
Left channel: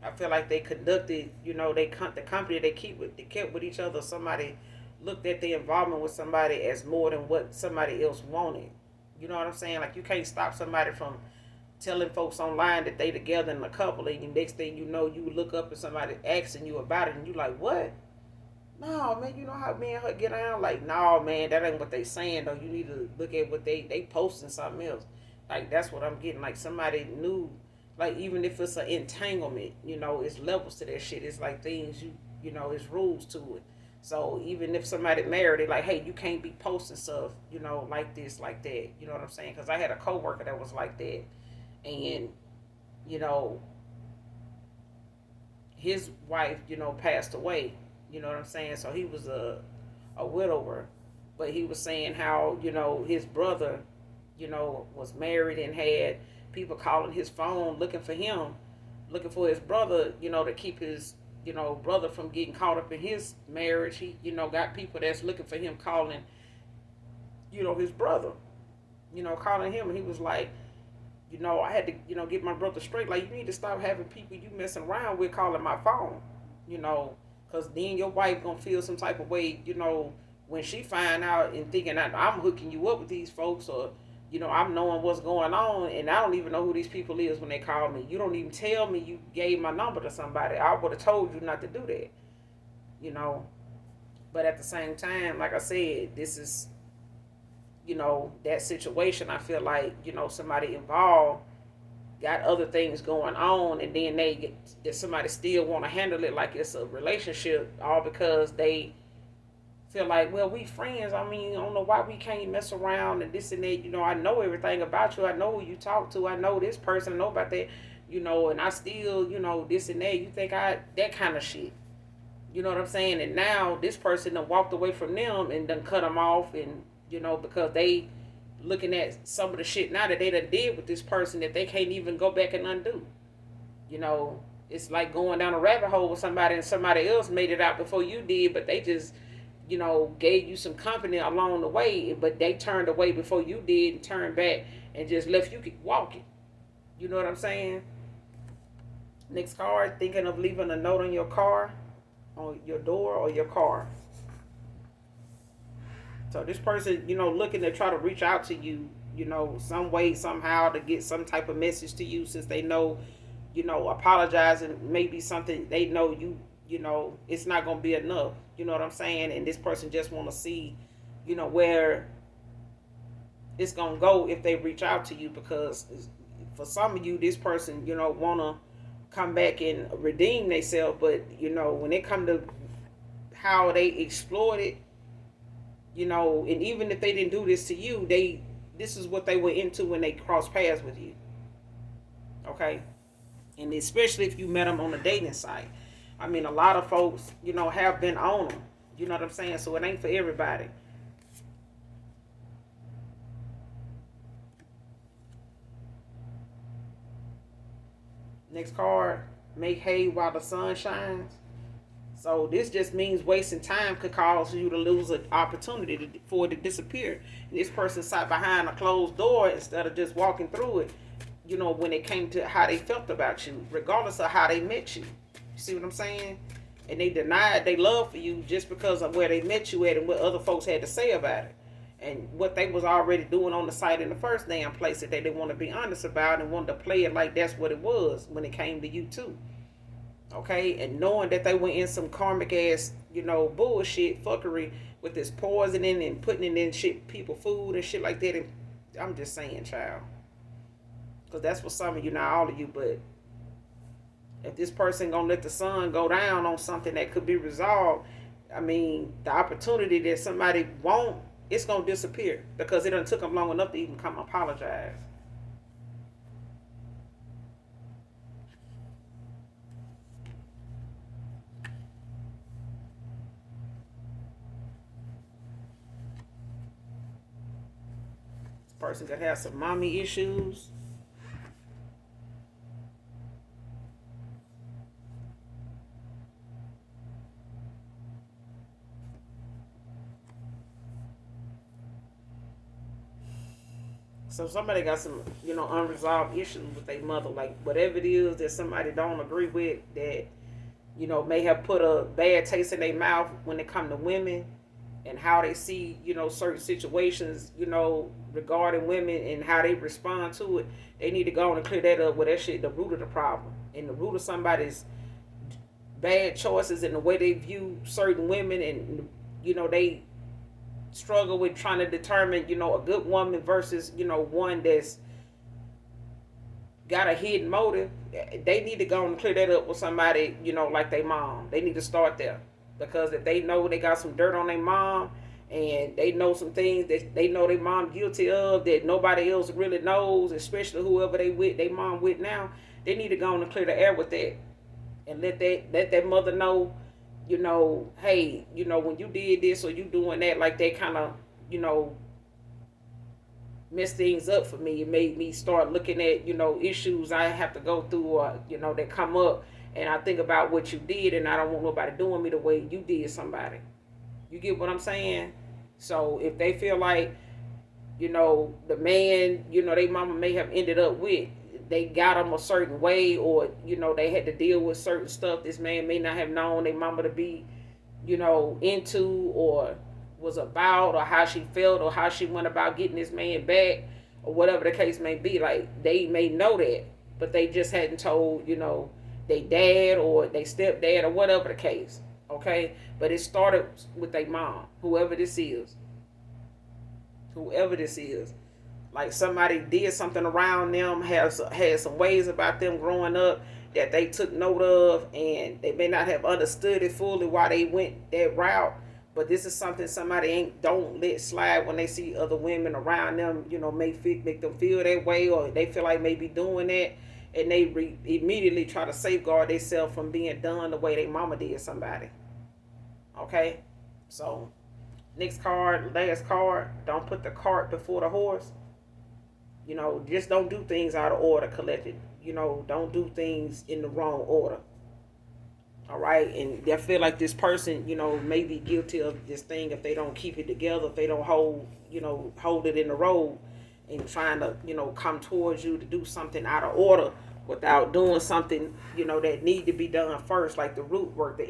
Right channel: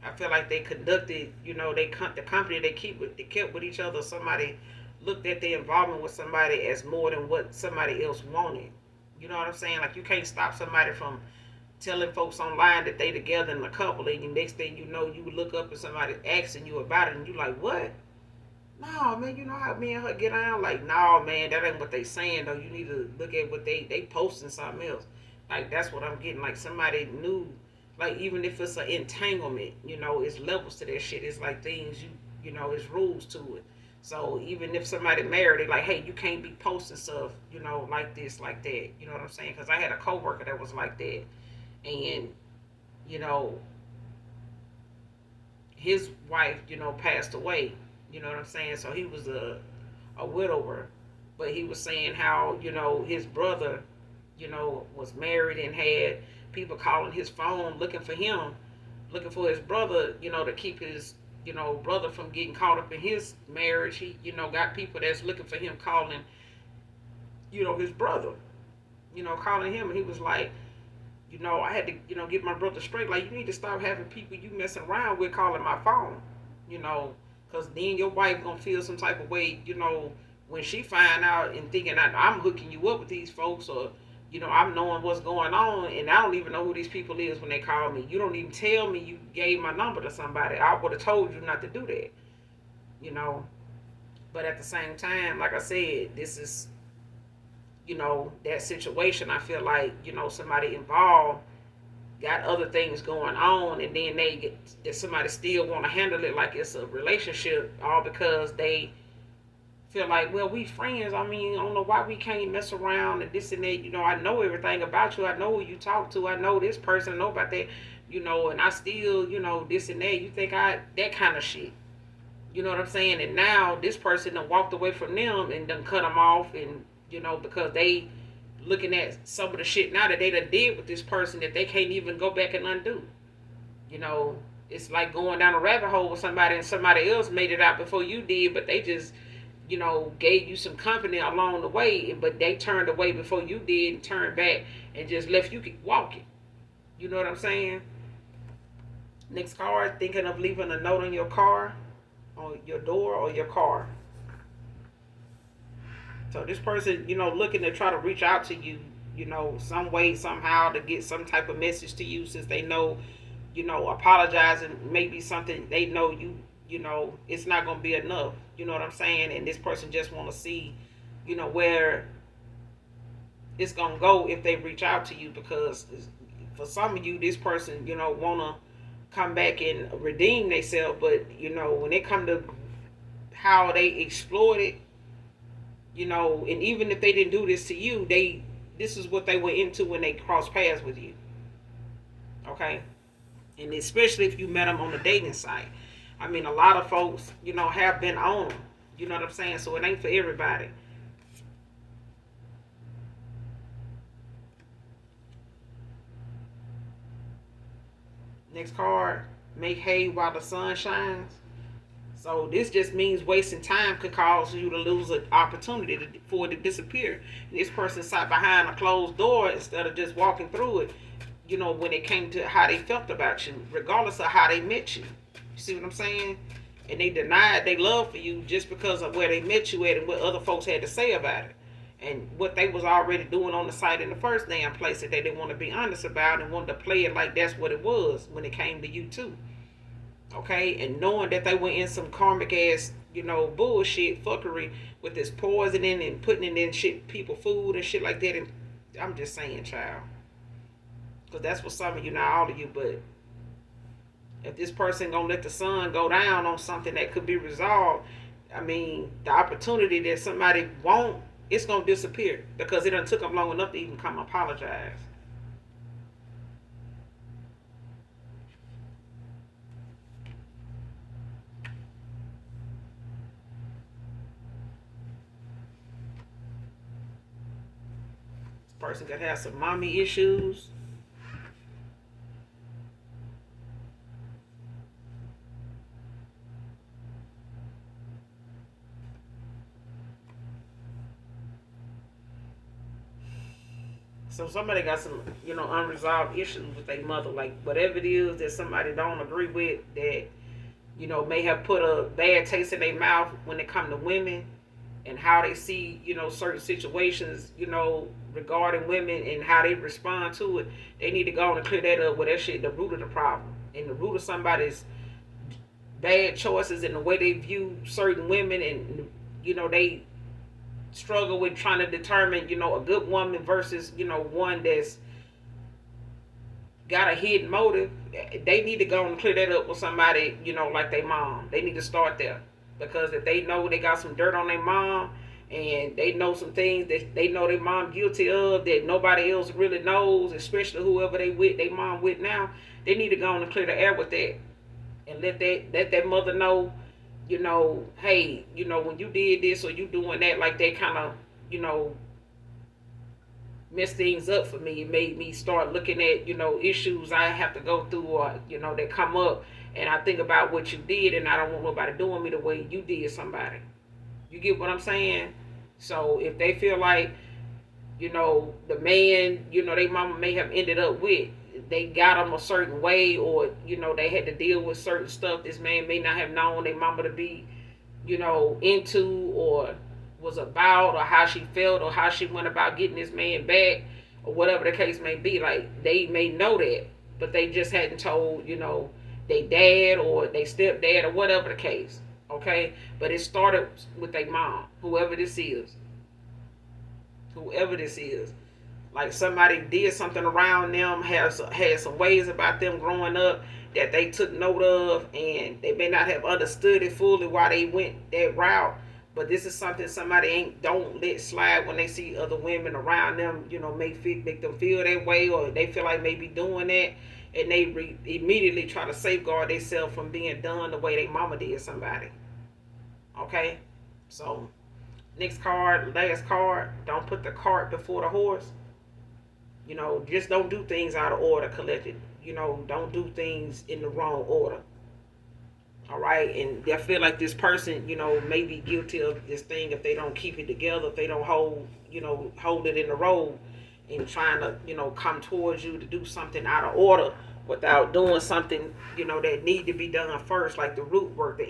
I feel like they conducted, the company they kept with each other. Somebody looked at the involvement with somebody as more than what somebody else wanted. You know what I'm saying? Like, you can't stop somebody from telling folks online that they together in a couple, and the next thing you know, you look up and somebody asking you about it, and you like, what? No, man, you know how me and her get on? Like, no, man, that ain't what they saying, though. You need to look at what they posting something else. Like, that's what I'm getting. Like, somebody knew, like, even if it's an entanglement, it's levels to that shit. It's like things it's rules to it. So even if somebody married, they like, hey, you can't be posting stuff, like this, like that. You know what I'm saying? Because I had a coworker that was like that, and you know, his wife, passed away. You know what I'm saying? So he was a widower, but he was saying how his brother, was married and had people calling his phone looking for him, looking for his brother, to keep his brother from getting caught up in his marriage. He got people that's looking for him calling his brother, calling him, and he was like, I had to, get my brother straight. Like, you need to stop having people you messing around with calling my phone, you know, because then your wife gonna feel some type of way, when she find out and thinking I'm hooking you up with these folks, or, I'm knowing what's going on, and I don't even know who these people is when they call me. You don't even tell me you gave my number to somebody. I would have told you not to do that, you know. But at the same time, like I said, this is, that situation. I feel like, somebody involved got other things going on, and then they get that somebody still want to handle it like it's a relationship, all because they feel like, well, we friends. I mean, I don't know why we can't mess around and this and that. I know everything about you. I know who you talk to. I know this person. I know about that. And I still, this and that. You think that kind of shit. You know what I'm saying? And now this person done walked away from them and done cut them off, and because they looking at some of the shit now that they done did with this person that they can't even go back and undo. You know, it's like going down a rabbit hole with somebody, and somebody else made it out before you did, but they just, gave you some company along the way, but they turned away before you did and turned back and just left you walking. You know what I'm saying? Next card, thinking of leaving a note on your car, on your door, or your car. So this person, looking to try to reach out to you, some way, somehow, to get some type of message to you, since they know, apologizing may be something they know it's not going to be enough. You know what I'm saying? And this person just want to see, where it's going to go if they reach out to you, because for some of you, this person, want to come back and redeem themselves, but, when it come to how they exploit it, And even if they didn't do this to you, this is what they were into when they crossed paths with you. Okay, and especially if you met them on the dating site. I mean, a lot of folks, have been on them. You know what I'm saying? So it ain't for everybody. Next card, make hay while the sun shines. So this just means wasting time could cause you to lose an opportunity for it to disappear. And this person sat behind a closed door instead of just walking through it. When it came to how they felt about you, regardless of how they met you. You see what I'm saying? And they denied their love for you just because of where they met you at and what other folks had to say about it. And what they was already doing on the site in the first damn place that they didn't want to be honest about and wanted to play it like that's what it was when it came to you too. Okay, and knowing that they were in some karmic ass, bullshit fuckery with this poisoning and putting it in shit people food and shit like that. And I'm just saying, child, because that's what some of you, not all of you, but if this person gonna let the sun go down on something that could be resolved, I mean, the opportunity that somebody won't, it's gonna disappear because it done took them long enough to even come apologize. This person could have some mommy issues. So somebody got some, unresolved issues with their mother, like whatever it is that somebody don't agree with, that may have put a bad taste in their mouth when it come to women and how they see, certain situations, regarding women and how they respond to it. They need to go on and clear that up with that shit, the root of the problem. And the root of somebody's bad choices and the way they view certain women and, they struggle with trying to determine, a good woman versus, one that's got a hidden motive. They need to go and clear that up with somebody, like their mom. They need to start there. Because if they know they got some dirt on their mom and they know some things that they know their mom guilty of that nobody else really knows, especially whoever they with, their mom with now, they need to go and clear the air with that. And let that mother know, hey, when you did this or you doing that, like they kind of, messed things up for me. It made me start looking at, issues I have to go through or, that come up. And I think about what you did and I don't want nobody doing me the way you did somebody. You get what I'm saying? So if they feel like, the man, they mama may have ended up with, they got them a certain way or, they had to deal with certain stuff this man may not have known their mama to be, into or was about or how she felt or how she went about getting this man back or whatever the case may be. Like they may know that, but they just hadn't told, they dad or they stepdad or whatever the case. Okay? But it started with their mom, whoever this is. Whoever this is. Like somebody did something around them, had some ways about them growing up that they took note of, and they may not have understood it fully why they went that route. But this is something somebody ain't don't let slide when they see other women around them. Make them feel that way, or they feel like maybe doing that, and they immediately try to safeguard themselves from being done the way their mama did somebody. Okay, so next card, last card. Don't put the cart before the horse. Just don't do things out of order, collected. Don't do things in the wrong order. All right, and I feel like this person, may be guilty of this thing if they don't keep it together, if they don't hold it in the road, and trying to, come towards you to do something out of order without doing something, that need to be done first, like the root work, the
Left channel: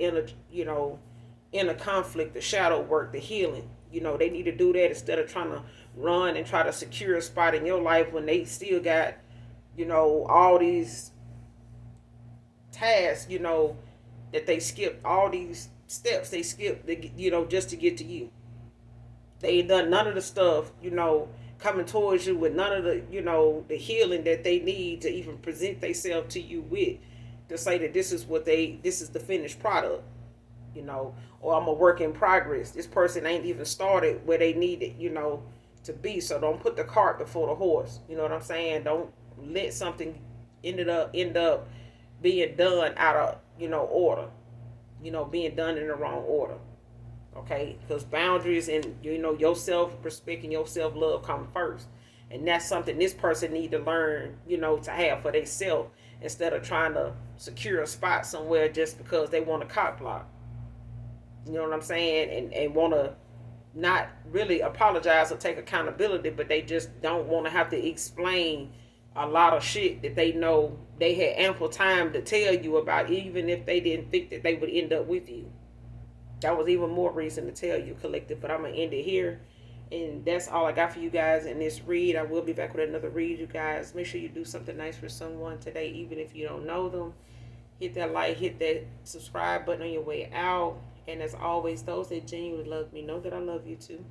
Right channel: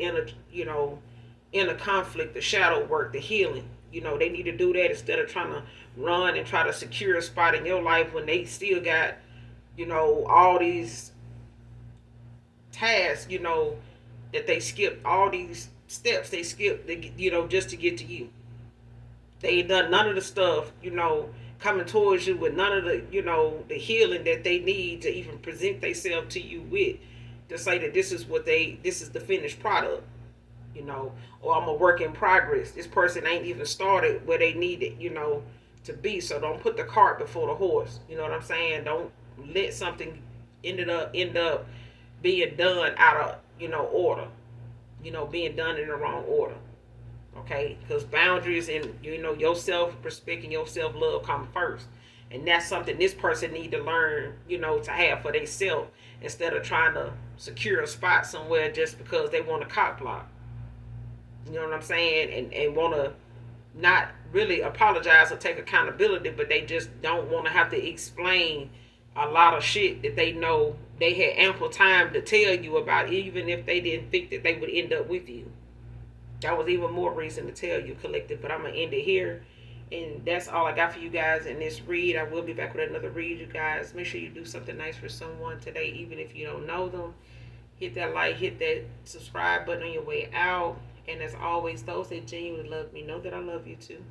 inner conflict, the shadow work, the healing. They need to do that instead of trying to run and try to secure a spot in your life when they still got, all these tasks, that they skipped, all these steps they skipped, just to get to you. They ain't done none of the stuff, coming towards you with none of the, the healing that they need to even present themselves to you with, to say that this is the finished product. or I'm a work in progress. This person ain't even started where they need it, to be. So don't put the cart before the horse. You know what I'm saying? Don't let something end up being done out of order. Being done in the wrong order. Okay, because boundaries and your self-respect and your self-love come first, and that's something this person need to learn, to have for themselves, instead of trying to secure a spot somewhere just because they want a cock block. You know what I'm saying? And want to not really apologize or take accountability, but they just don't want to have to explain a lot of shit that they know they had ample time to tell you about, even if they didn't think that they would end up with you. That was even more reason to tell you, collective. But I'm gonna end it here, and that's all I got for you guys in this read. I will be back with another read, you guys. Make sure you do something nice for someone today, even if you don't know them. Hit that like, hit that subscribe button on your way out. And as always, those that genuinely love me know that I love you too.